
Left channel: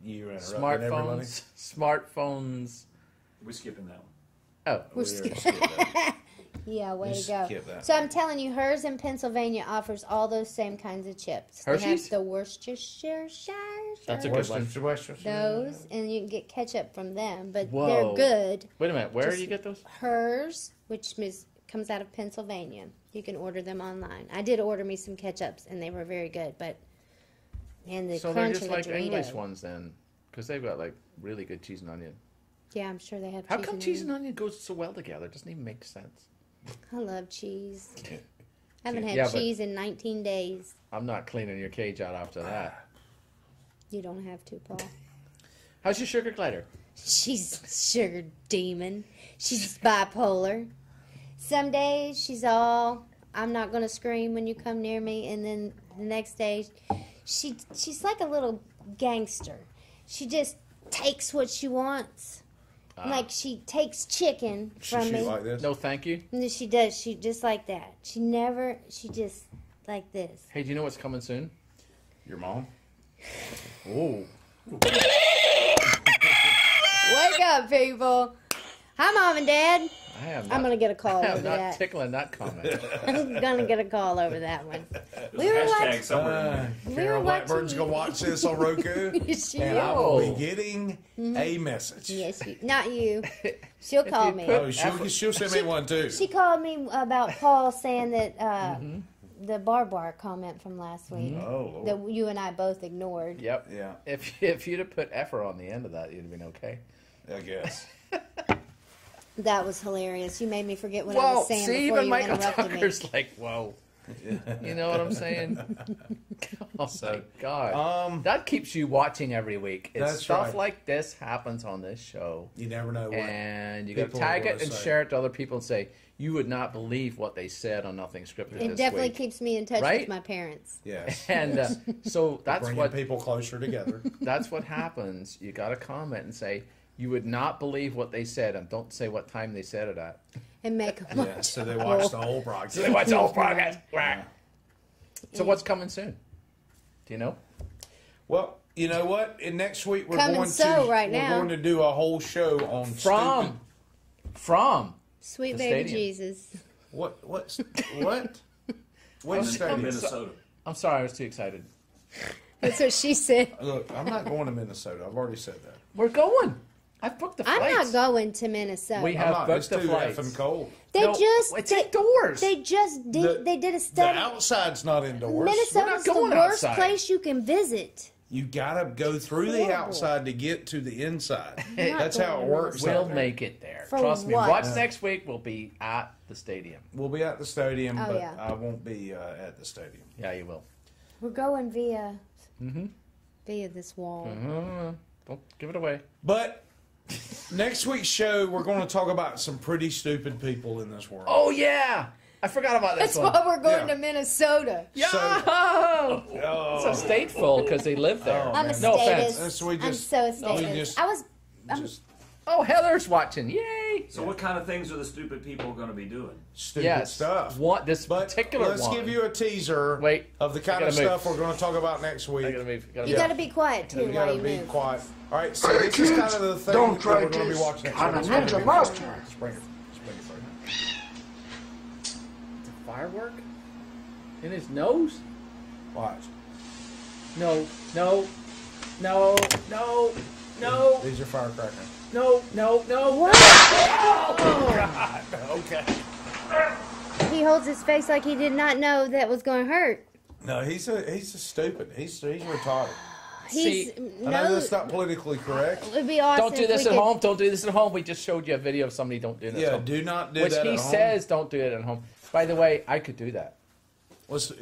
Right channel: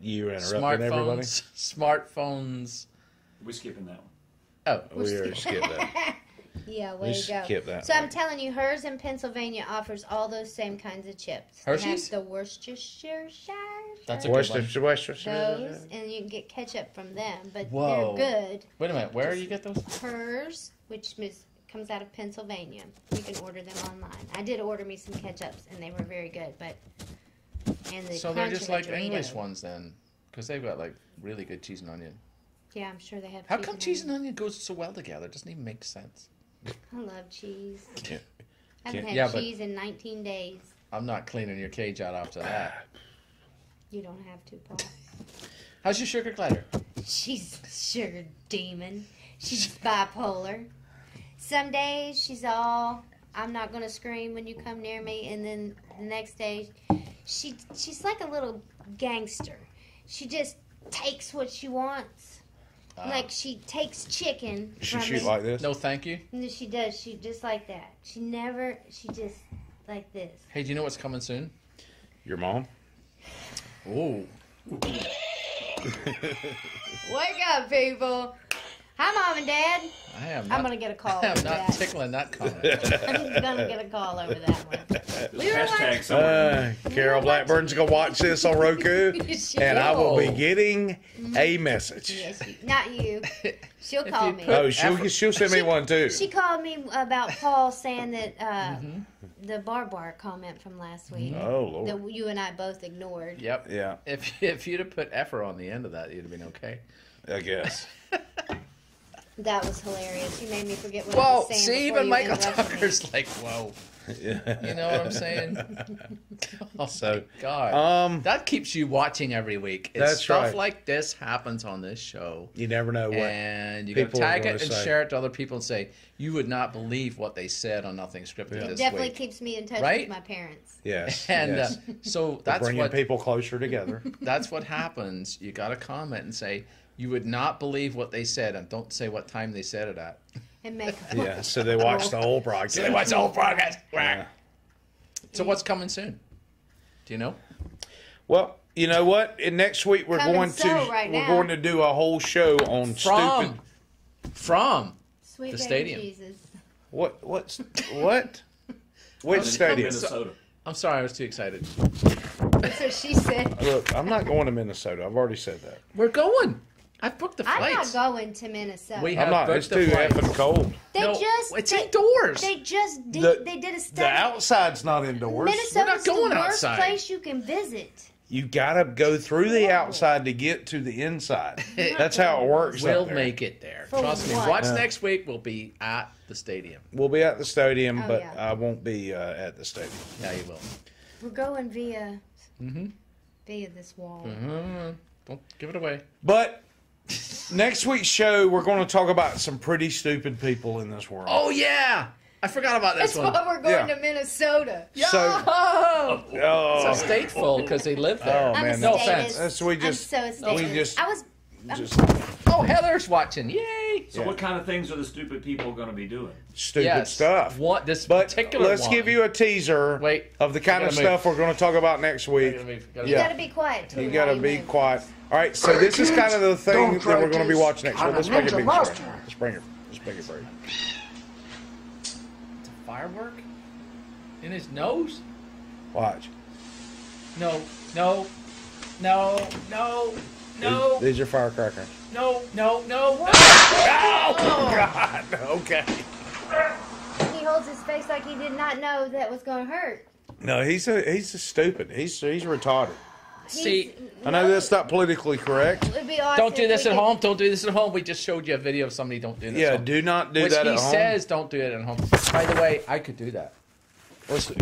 You interrupted everybody. Smartphones. We're skipping that one. Oh, We already skipped that. Yeah, way We to go. skip that So one. I'm telling you, hers in Pennsylvania offers all those same kinds of chips. Hershey's? And that's the Worcestershire. That's a good one. Those, and you can get ketchup from them, but Whoa. they're good. Wait a minute. Where do Just you get those? Hers, which comes out of Pennsylvania. You can order them online. I did order me some ketchups, and they were very good. But and the So they're crunch just in the like Dorito. English ones then, because they've got like really good cheese and onion. Yeah, I'm sure they have. How come cheese and onion goes so well together? It doesn't even make sense. I love cheese. Yeah. I haven't had Yeah, but- cheese in 19 days. I'm not cleaning your cage out after that. You don't have to, Paul. How's your sugar glider? She's a sugar demon. She's bipolar. Some days she's all, I'm not going to scream when you come near me. And then the next day, she's like a little gangster. She just takes what she wants. Like she takes chicken from me. like this? No, thank you. And she does. She just like that. She just like this. Hey, do you know what's coming soon? Your mom? Oh. Wake up, people. Hi, Mom and Dad. I am I'm not. going to get a call I over am not that. tickling that comment. I'm going to get a call over that one. We were Hashtag somewhere. Carol Blackburn's going to watch this on Roku, and I will be getting a message. Yes, not you. She'll call me. Oh, she'll send me one too. She called me about Paul saying that the barbed wire comment from last week Oh, Lord. that you and I both ignored. Yep. Yeah. If you'd have put effer on the end of that, you'd have been okay. I guess. That was hilarious. You made me forget what I Well, was saying. see, before even you Michael interrupted me. Tucker's like, whoa. You know what I'm saying? Oh, my God. That keeps you watching every week. That's Stuff right. like this happens on this show. You never know what And you got to people are tag gonna it and say. share it to other people and say, you would not believe what they said on Nothing Scripted It this definitely week. keeps me in touch Right? with my parents. Yes. And yes. So that's bringing what people closer together. That's what happens. You got to comment and say, you would not believe what they said, and don't say what time they said it at. And make Yeah, so they watched the whole broadcast. So they watched the whole broadcast. So what's coming soon? Do you know? Well, you know what? And next week we're Coming going so to right now. we're going to do a whole show on From Sweet the baby stadium. Jesus. What? Which stadium? Minnesota. I'm sorry, I was too excited. That's what she said. Look, I'm not going to Minnesota. I've already said that. We're going. I booked the I'm flights. not going to Minnesota. We I'm have not. booked It's the too flights. effing cold. It's indoors. They just did. They did a The study. outside's not indoors. Minnesota's going the worst outside. place you can visit. You gotta go through the outside to get to the inside. That's how it works. We'll out there. make it there. For Trust me. what? Watch Yeah. next week. We'll be at the stadium. We'll be at the stadium, Oh, but yeah. I won't be at the stadium. Yeah, you will. We're going via this wall. Don't give it away. But next week's show, we're going to talk about some pretty stupid people in this world. Oh yeah, I forgot about this That's one. why we're going Yeah. to Minnesota. Oh, Oh. it's a stateful because they live there. Oh, I'm a man. No statist. offense. That's we I'm just. so a we statist. just- Oh, Heather's watching. Yay! So what kind of things are the stupid people going to be doing? Stupid Yes. stuff. What this But particular let's one. give you a teaser Wait, of the kind I of gotta move. stuff we're going to talk about next week. I gotta move, gotta You move. gotta be quiet too. You while gotta you be move. quiet. All right, so this is kind of the thing Don't that try we're going to be this watching next on week. a Let's bring it ninja in. master. Let's bring it. Let's bring it for you. Firework in his nose? Watch. No, no, no, no, no, These are firecrackers. no, no, no. Oh God! Okay. He holds his face like he did not know that was going to hurt. No, he's a stupid. He's retarded. See, I know that's not politically correct. It'd be awesome Don't do if this we at could- home. Don't do this at home. We just showed you a video of somebody don't do this. Yeah, at home. do not do Which that he at home. says don't do it at home. By the way, I could do that.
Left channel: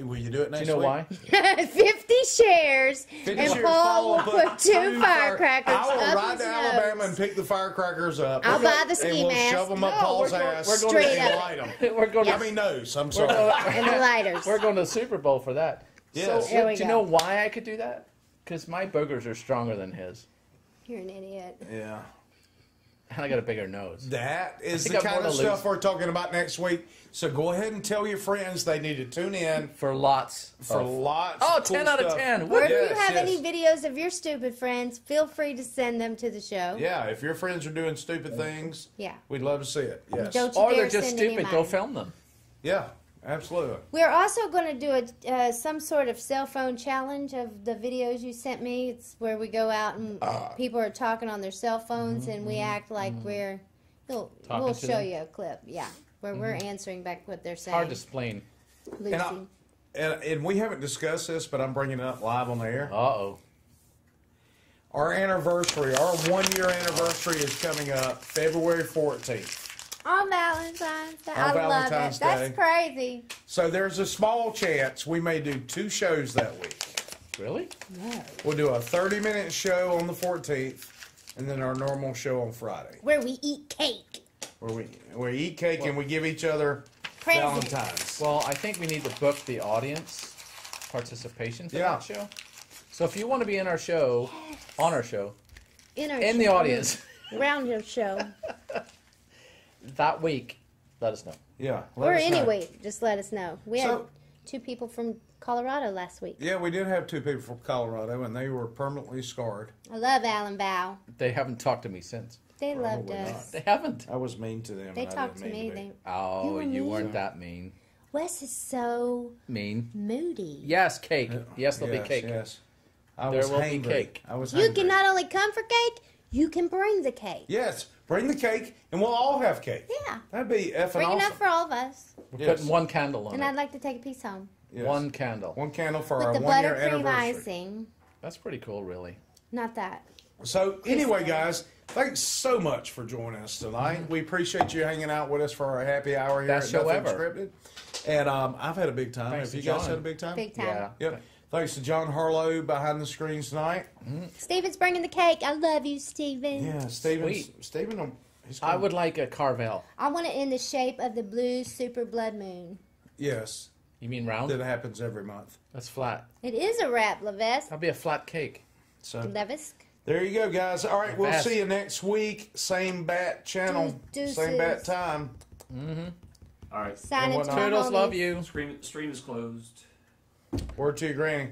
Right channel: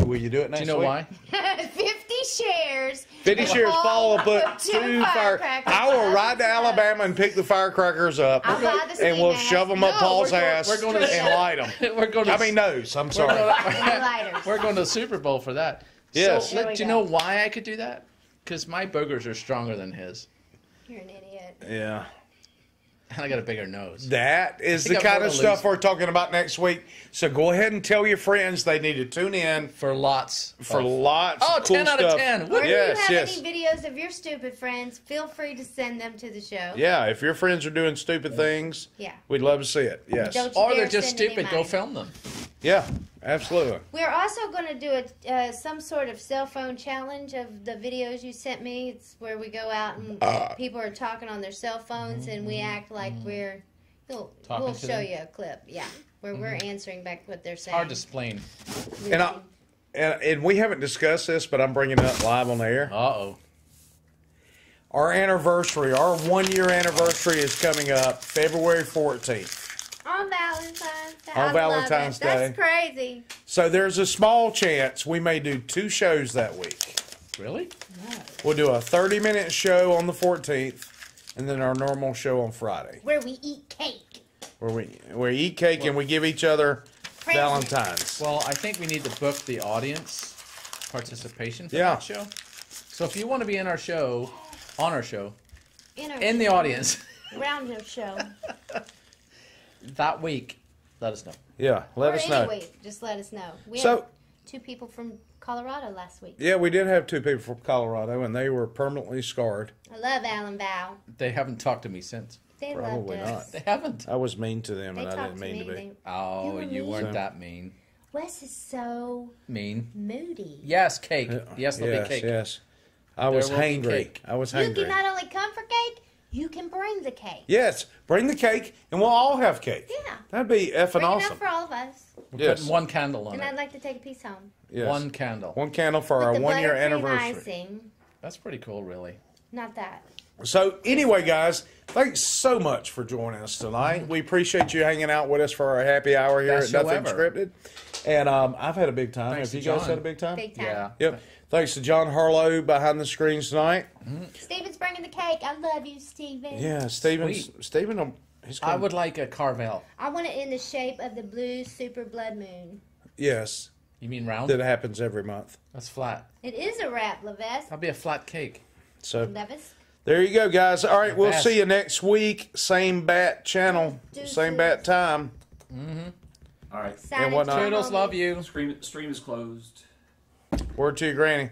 Will you do it next Do you know week? why? 50 shares. 50 and shares follow up put with two two firecrackers. I will up ride his to nose. Alabama and pick the firecrackers up. I'll buy the ski and we'll mask. shove them up No, Paul's we're going- ass we're going to- and light them. We're going to. I mean, nose. I'm We're sorry. And the lighters. We're going to the Super Bowl for that. Yes. So, There we do you go. know why I could do that? Because my boogers are stronger than his, You're an idiot. Yeah. and I got a bigger nose. That is think the I'm kind more of to stuff lose. we're talking about next week. So go ahead and tell your friends they need to tune in For lots. for of, lots Oh, of cool 10 out of stuff. 10. Or if Yes, you have yes. any videos of your stupid friends, feel free to send them to the show. Yeah, if your friends are doing stupid things, Yeah. we'd love to see it. Yes. Don't you Or they're dare just send any stupid. Go money. film them. Yeah, absolutely. We're also going to do some sort of cell phone challenge of the videos you sent me. It's where we go out and people are talking on their cell phones and we act like we're. We'll Talking to show them? you a clip, yeah, where we're answering back what they're saying. Hard to explain. And we haven't discussed this, but I'm bringing it up live on the air. Uh-oh. Our anniversary, our 1 year anniversary is coming up February 14th. On Valentine's Day. On I Valentine's love it. Day. That's crazy. So there's a small chance we may do 2 shows that week. Really? We'll do a 30-minute show on the 14th, and then our normal show on Friday, Where we eat cake. where we eat cake and we give each other Presents. Valentine's. Well, I think we need to book the audience participation for Yeah. that show. So if you want to be in our show, on our show, in the show. audience Round of show. that week, let us know. Yeah, or let us any know. week, just let us know. We So- had 2 people from Colorado last week. Yeah, we did have 2 people from Colorado, and they were permanently scarred. I love Alan Bow. They haven't talked to me since. They loved Probably us. not. They haven't. I was mean to them, They and I talked didn't to mean me. to be. Oh, were you mean. weren't that mean. Wes is so Mean. moody. Yes, cake. Yes, there'll yes, be cake. Yes, I There was will be hangry. cake. I was You hangry. can not only come for cake, you can bring the cake. Yes, bring the cake, and we'll all have cake. Yeah. That'd be effing Bring awesome. enough for all of us. We're Yes. putting one candle on And it. I'd like to take a piece home. Yes. One candle. One candle for With our the 1 year buttercream anniversary. icing. That's pretty cool, really. Not that. So anyway, guys, thanks so much for joining us tonight. We appreciate you hanging out with us for our happy hour here Best at show Nothing ever. Scripted. And I've had a big time. Thanks Have you to guys John. had a big time? Big time. Yeah. Yep. Thanks to John Harlow behind the screens tonight. Steven's bringing the cake. I love you, Steven. Yeah, Steven. He's I would like a Carvel. I want it in the shape of the blue super blood moon. Yes. You mean round? That happens every month. That's flat. It is a wrap, Levis. That'll be a flat cake. So Levis. there you go, guys. All right, we'll Best. see you next week. Same bat channel, Deuces. same bat time. All right. Sign And it whatnot. to Toodles, love you. Stream is closed. Word to you, Granny.